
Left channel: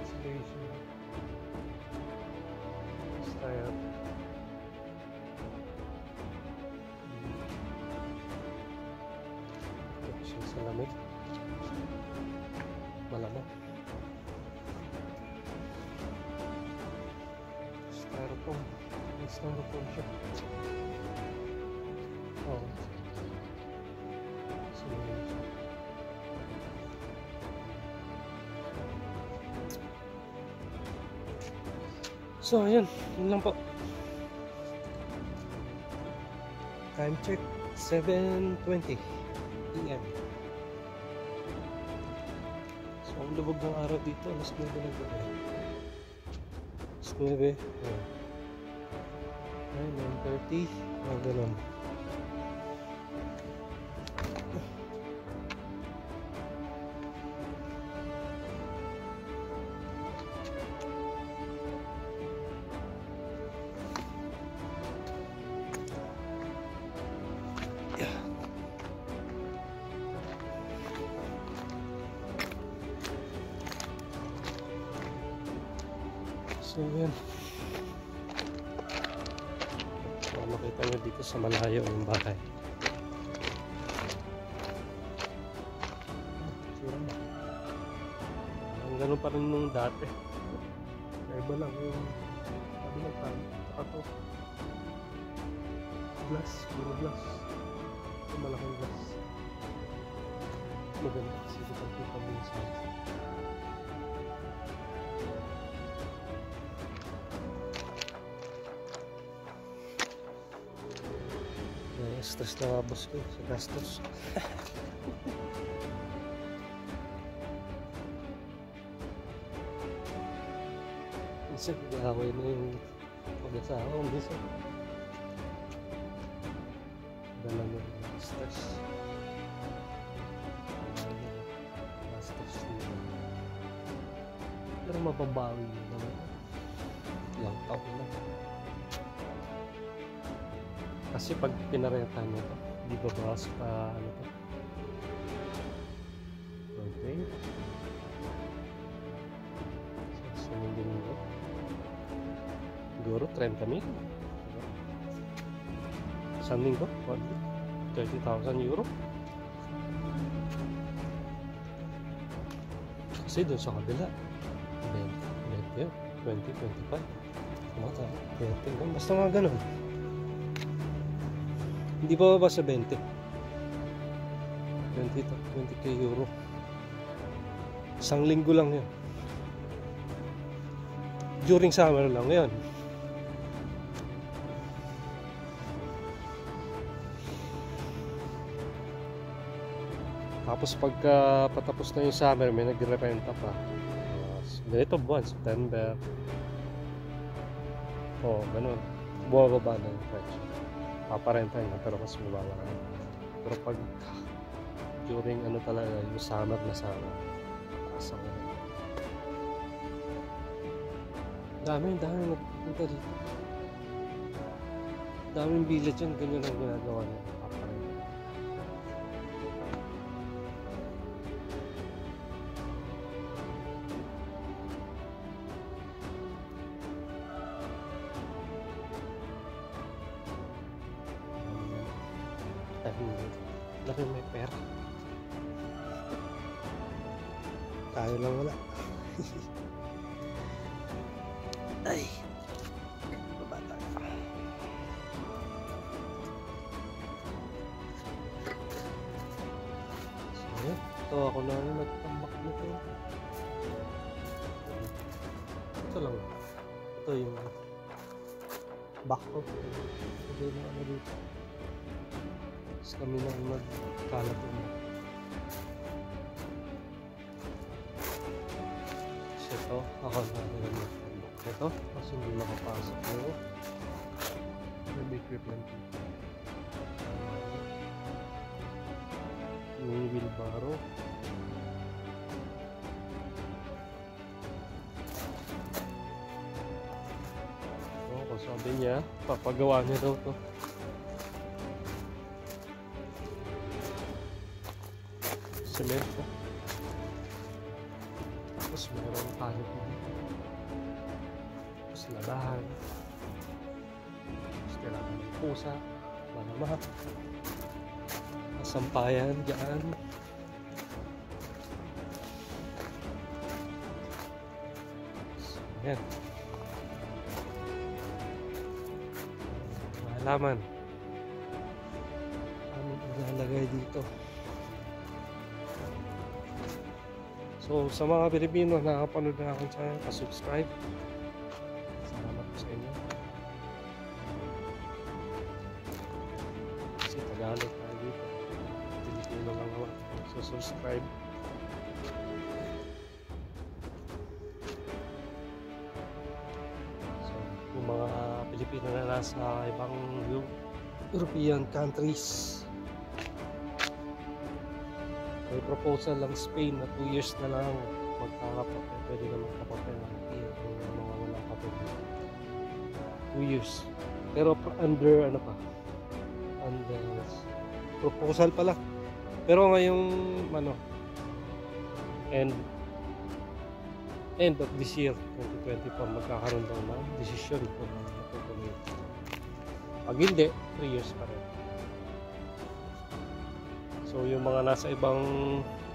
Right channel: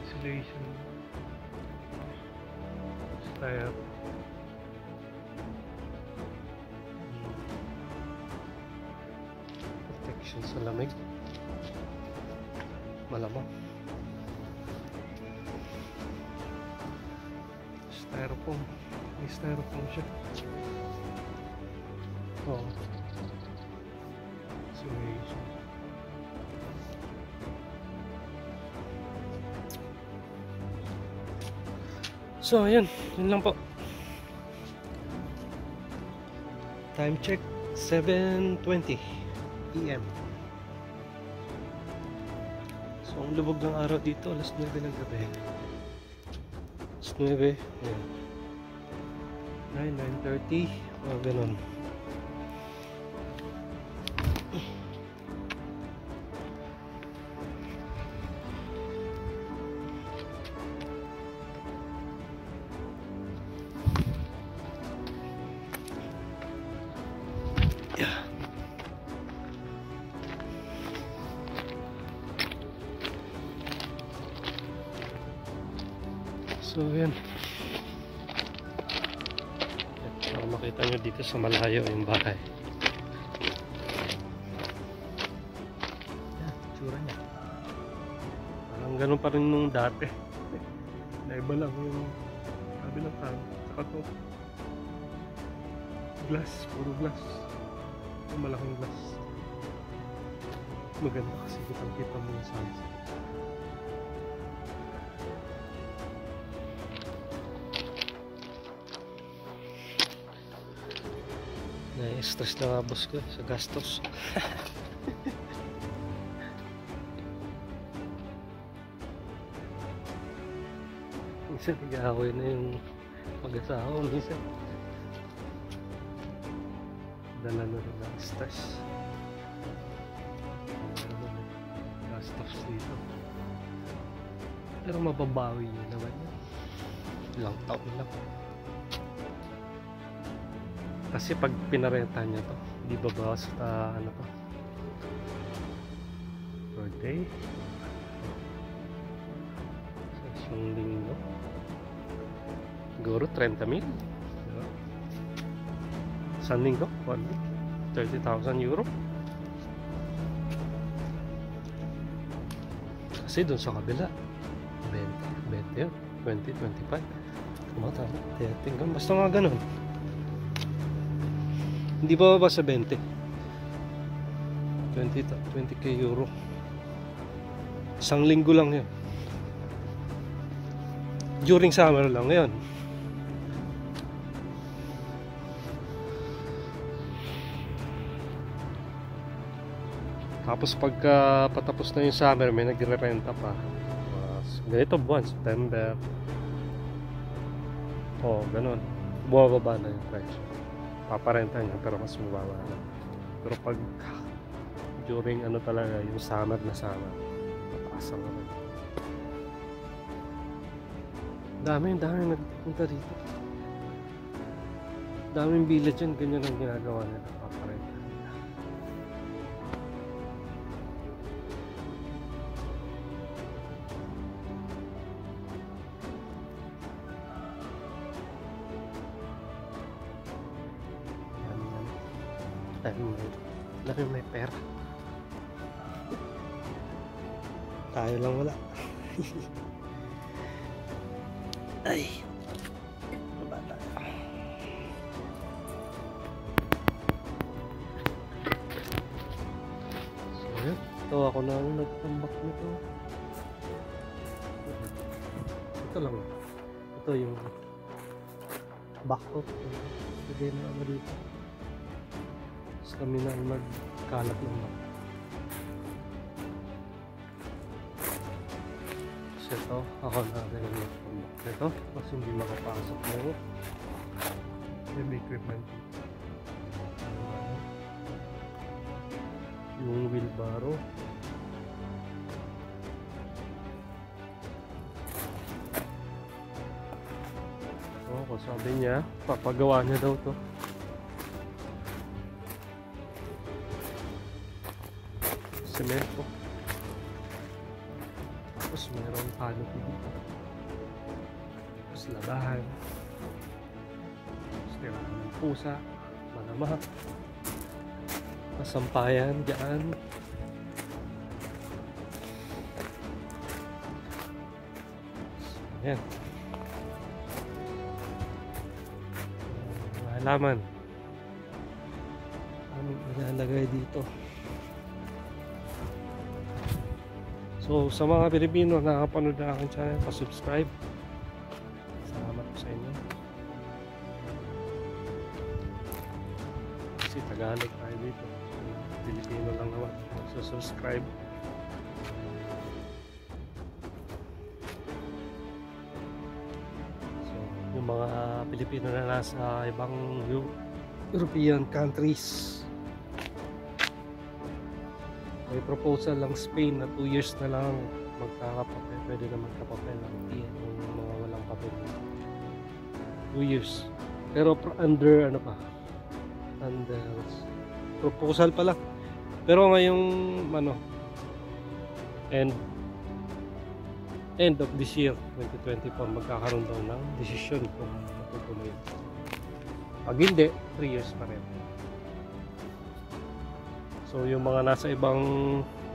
insulation style. Protection sa lamig, malamang. Styrofoam. May styrofoam siya. Oo. Insulation. So, ayan. Yun lang po. Time check. 7:20 PM. So, ang lubog ng araw dito. Alas 9 ng gabi. 9, 9:30, mga ganun. So yan. So, makita nyo dito sa malayo yung bahay. Tsura niya. Parang ganun pa rin nung dati. Naiba lang yung sabi ng pan. Saka to. Glass. Puro glass. Ito malaking glass. Maganda kasi kitang-kita mo yung sunset. Na-stress na nga boss ko sa gastos. Minsan nag-aaway na yung mag-asawa. Minsan dala na rin ng stress. Gastos dito. Pero mababawi yun naman yun. Ilang taon lang. Kasi pag pinarenta nyo to, di ba basta ano to? Per day? Isang linggo? Siguro 30,000. Diba? Isang linggo? 30,000 euro? Kasi dun sa kabila 20 yun, 20-25. Tama. Tingnan, basta nga ganun. Hindi ba sa 20? 20k euro. Isang linggo lang yun. During summer lang yun. Tapos pagka patapos na yung summer, may nagre-renta pa. Ganito buwan, September. Ganun. Bumababa na yung presyo. Paparenta niya pero mas mababa na. Pero pag during ano talaga yung summer na sana, mataas ang ano. Dami nagpunta dito. Daming village yan, ganyan ang ginagawa nila. Paparenta. Dami may pera. Tayo lang wala. Ay, baba tayo. So yun, ito ako na nagtambak nito. Ito lang. Ito yung back off. Pwede na ano dito. Tapos kami na magkalat ng back. So ito, ako na nagtambak nito. Kasi hindi makapasok mo. May equipment dito. Yung wheelbarrow. Kung sabi niya, papagawa niya daw to. Semento. Tapos mayroong canopy dito. Tapos labahan. Tapos kailangan ng pusa, manama, masampayan dyan. So, yan. Halaman. Aming ilalagay dito. So sa mga Pilipino na nakapanood na aking channel, pa-subscribe. Salamat po sa inyo. Kasi Tagalog tayo dito. Pilipino lang naman. So subscribe. So yung mga Pilipino na nasa ibang European countries, may proposal lang Spain na 2 years na lang magkakapapel, pwede na magkapapel ang mga walang papel. 2 years. Pero under ano pa? Under proposal pa lang. Pero ngayong ano, and end of this year 2024 magkakaroon daw ng desisyon kung matutuloy. Pag hindi, 3 years pa rin. So yung mga nasa ibang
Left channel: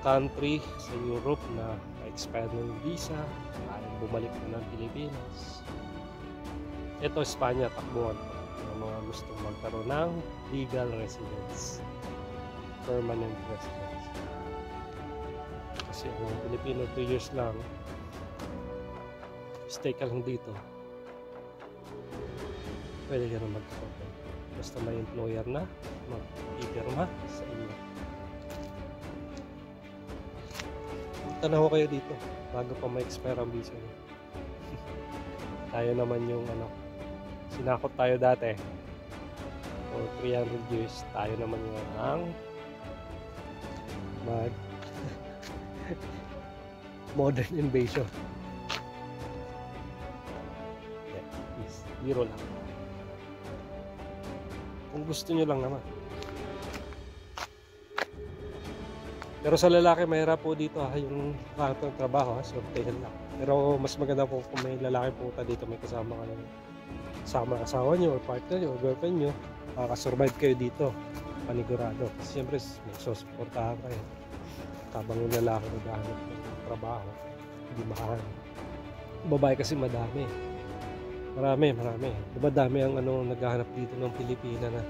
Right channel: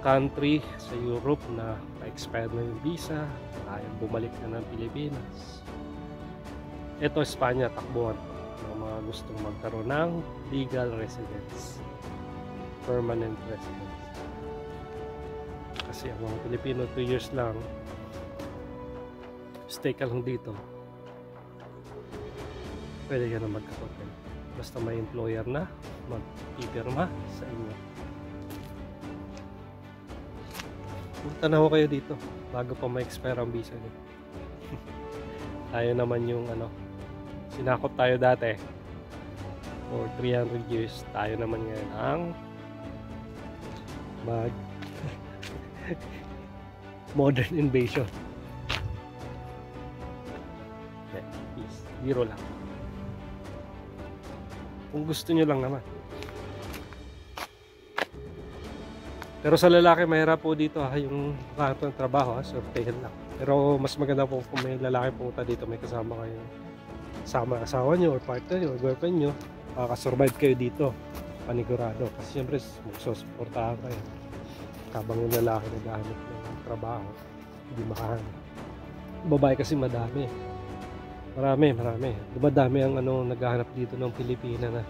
country sa Europe na na-expire na yung visa, ayaw bumalik na ng Pilipinas. Ito Espanya, takbuhan pa ng mga gustong magkaroon ng legal residence, permanent residence. Kasi ang mga Pilipino 2 years lang, stay ka lang dito, pwede ka na magkapatid. Basta may employer na mag-ipirma sa inyo. Punta na ho kayo dito bago pa ma-expire ang visa niyo. Tayo naman yung sinakop tayo dati for 300 years. Tayo naman ngayon ang mag modern invasion. Peace. Biro lang. Kung gusto nyo lang naman. Pero sa lalaki mahirap po dito yung hanap ng trabaho, surveyan lang. Pero mas maganda po kung may lalaki pumunta dito, may kasama kayo, kasama asawa nyo or partner nyo or girlfriend nyo, makakasurvive kayo dito, panigurado. Kasi siyempre magsusuportahan kayo habang yung lalaki naghahanap ng trabaho, hindi makahanap. Babae kasi madami, dumadami ang naghahanap dito ng Pilipina na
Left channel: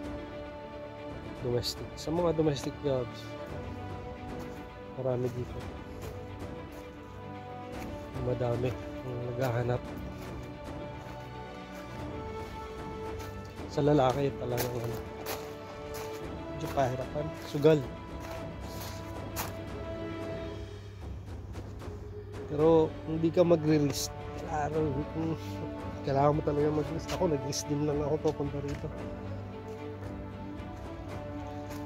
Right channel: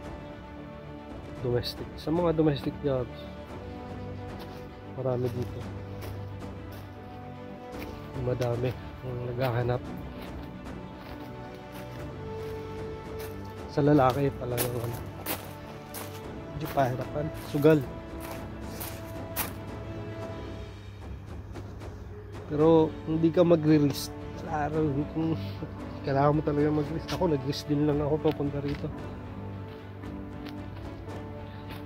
domestic, sa mga domestic jobs. Marami dito, madami ang naghahanap. Sa lalaki talagang medyo pahirapan, sugal. Pero hindi ka magre-risk. Kailangan mo talaga mag-risk. Ako nag-risk din lang ako papunta rito.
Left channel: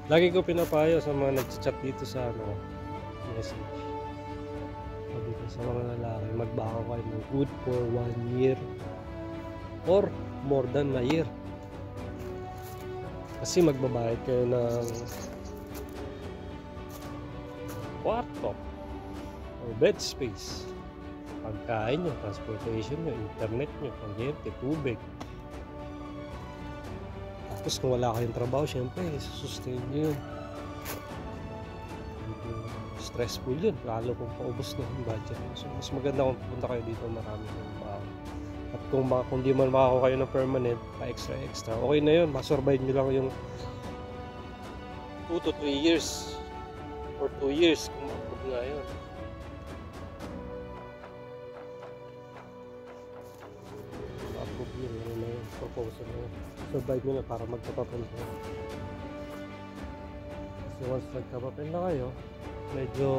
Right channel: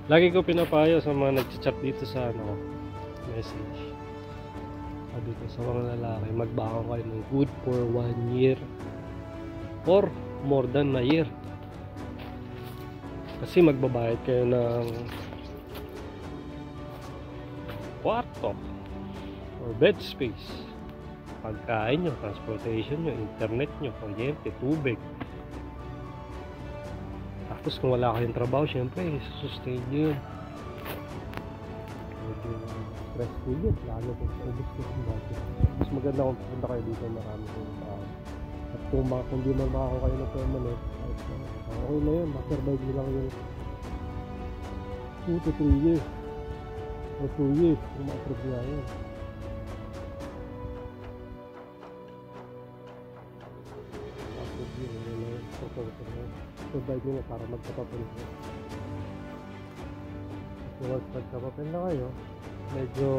Lagi ko pinapayo sa mga nag-chat dito sa message. Sabi ko sa mga lalaki, magbaho kayo ng good for 1 year or more than a year. Kasi magbabayad kayo ng kwarto or bed space, pagkain nyo, transportation nyo, internet nyo, kuryente, tubig. Tapos kung wala kayong trabaho, syempre sustain nyo yun. Medyo stressful yun, lalo kung paubos na yung budget. So mas maganda kung pupunta kayo dito, marami kayong trabaho. At kung di man makakakuha kayo ng permanent, pa-extra, okay na yun, masurvive nyo lang yung 2 to 3 years or 2 years kung ma-approve nga yun. Ma-approve yun, yun na yung proposal na yun. Survive nyo na para magkapapel kayo. Kasi once magkapapel na kayo, medyo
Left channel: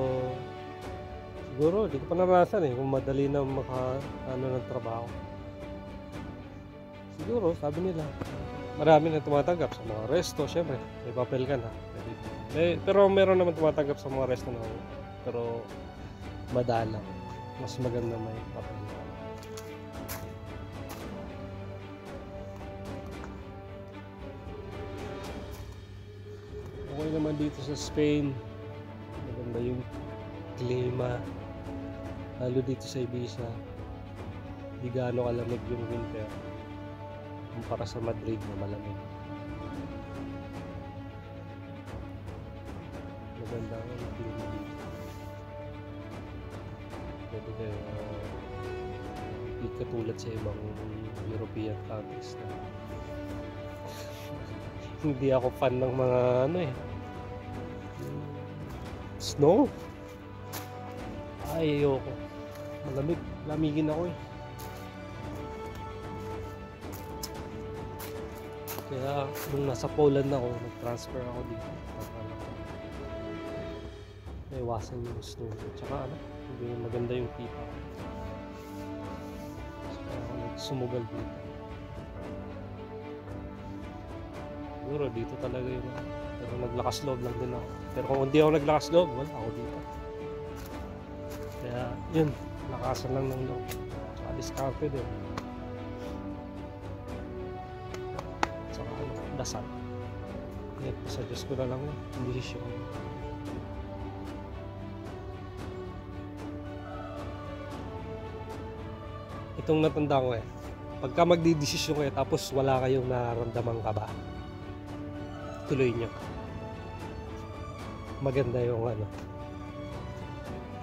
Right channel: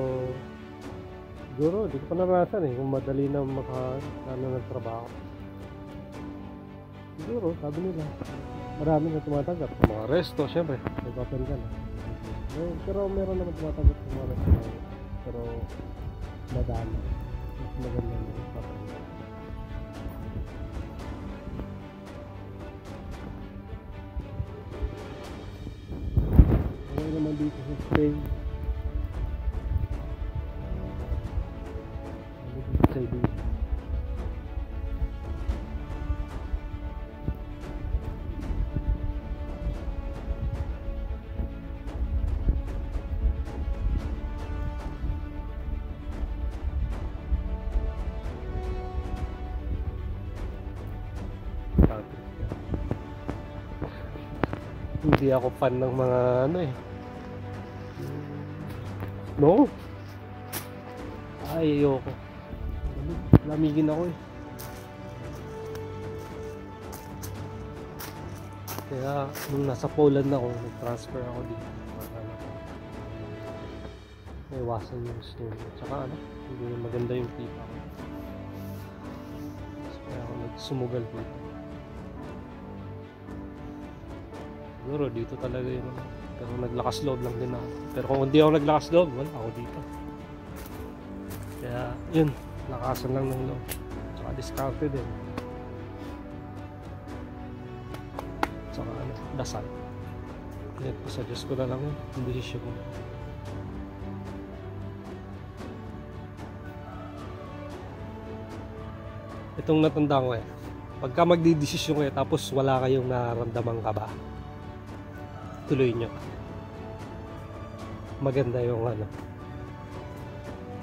siguro, di ko pa naranasan kung madali na ng trabaho. Siguro, sabi nila, marami na tumatanggap sa mga resto, syempre, may papel ka na. Pero meron naman tumatanggap sa mga resto na, pero madala. Mas maganda may papel. Okay naman dito sa Spain, maganda yung klima, lalo dito sa Ibiza, hindi gaano kalamig yung winter para sa Madrid na malamig. Hindi katulad sa ibang European countries na hindi ako fan ng mga snow. Ay, ayoko. Malamig, lamigin ako Kaya nung nasa Poland ako, nag-transfer ako dito para may iwasan yung snow. Tsaka hindi maganda yung kita ko. So, kaya ako nagsumugal dito. Siguro dito talaga yun. Pero naglakas loob lang din ako. Pero kung hindi ako naglakas loob, wala ako dito. Kaya yun, lakasan lang ng loob. Tsaka discarte din. Tsaka dasal. Net po sa Diyos ko na lang yun. Hindi siya ko. Itong natanda ko pagka magdidesisyon kayo tapos wala kayong nararamdaman kaba, tuloy nyo. Maganda yung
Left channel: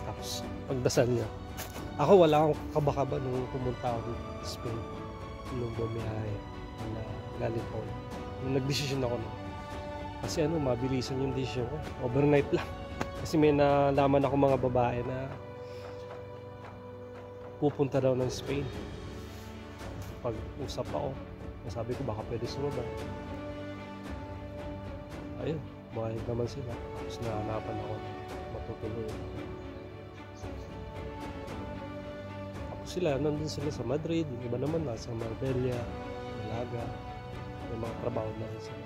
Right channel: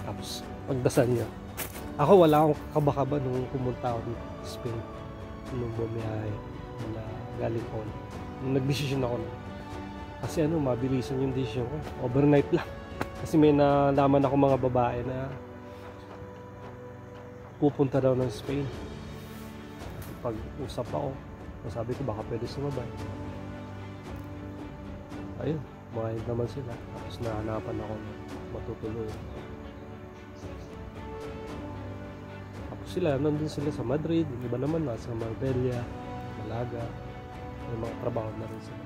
tapos pagdasal nyo. Ako wala akong kaba-kaba nung pumunta ako dito sa Spain, nung bumiyahe na galing ko. Nung nagdesisyon ako kasi mabilisan yung desisyon ko, overnight lang. Kasi may nalaman ako mga babae na pupunta daw ng Spain. Pag-usap ako, sabi ko baka pwede sumabay. Ayun, mahal naman sila. Tapos nahanapan ako na matutuloy. Tapos sila, nandun sila sa Madrid. Yung iba naman nasa Marbella, Malaga. May mga trabaho na rin sila.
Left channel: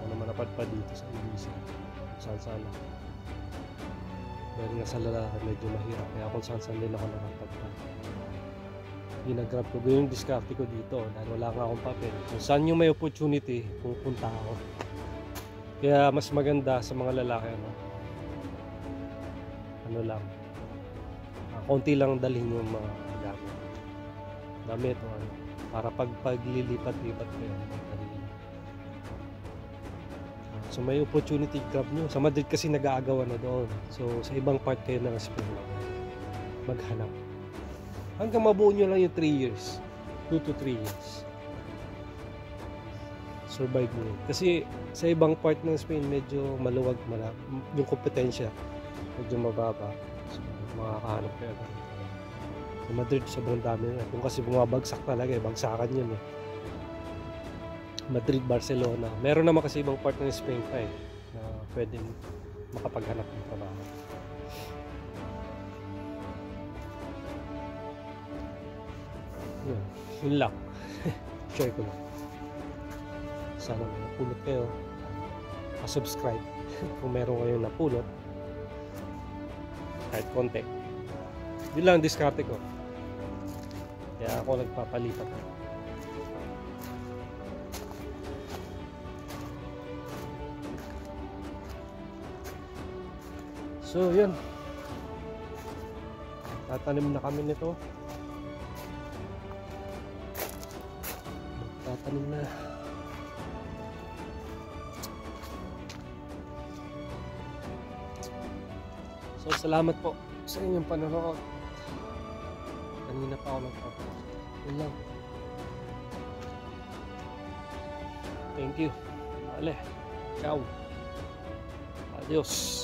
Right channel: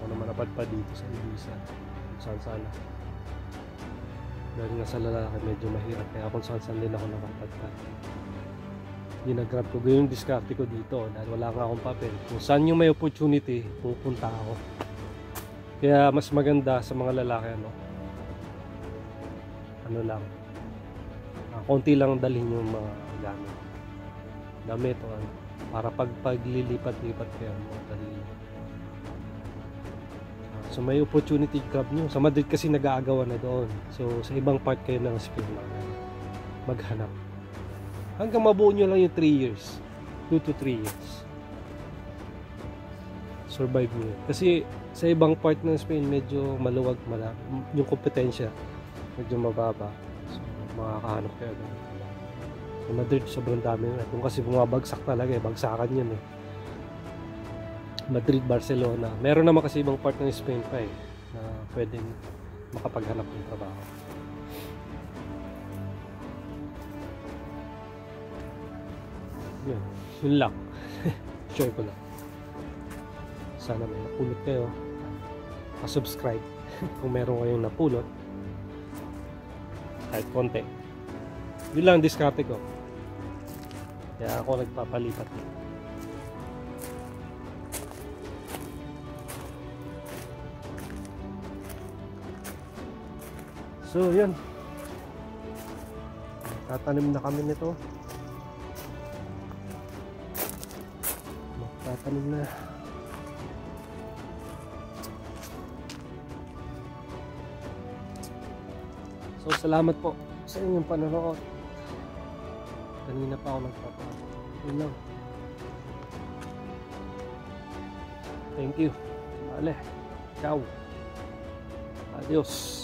Ako naman napadpad dito sa Ibiza. Kung saan sana. Dahil nga sa lalaki medyo mahirap. Kaya kung saan din ako nakapadpad. Ginagrab ko. Ganyan yung diskarte ko dito. Dahil wala nga akong papel. Kung saan yung may opportunity, pupunta ako. Kaya mas maganda sa mga lalaki ano lang. Konti lang dalhin yung mga gamit o para paglilipat-lipat kayo madali. So may opportunity, grab nyo. Sa Madrid kasi nag-aagawan na doon. So sa ibang part kayo ng Spain maghanap. Hanggang mabuo nyo lang yung 3 years. 2 to 3 years. Survive nyo. Kasi sa ibang part ng Spain medyo maluwag yung kompetensya. Medyo mababa. So makakahanap kayo agad. Sa Madrid sobrang dami na. Kung kasi bumabagsak talaga bagsakan yun Madrid, Barcelona. Meron naman kasi ibang part ng Spain pa na pwedeng makapaghanap ng trabaho. Yun lang. Share ko lang. Sana may napulot kayo. Pa-subscribe kung meron kayong napulot. Kahit konti. Yun lang diskarte ko. Kaya ako nagpapalipat. So yun. Tatanim na kami nito. Tatanim na. So salamat po sa inyong panonood. Kanina pa ako nagpapanood. Yun lang. Thank you. Vale. Ciao. Adios.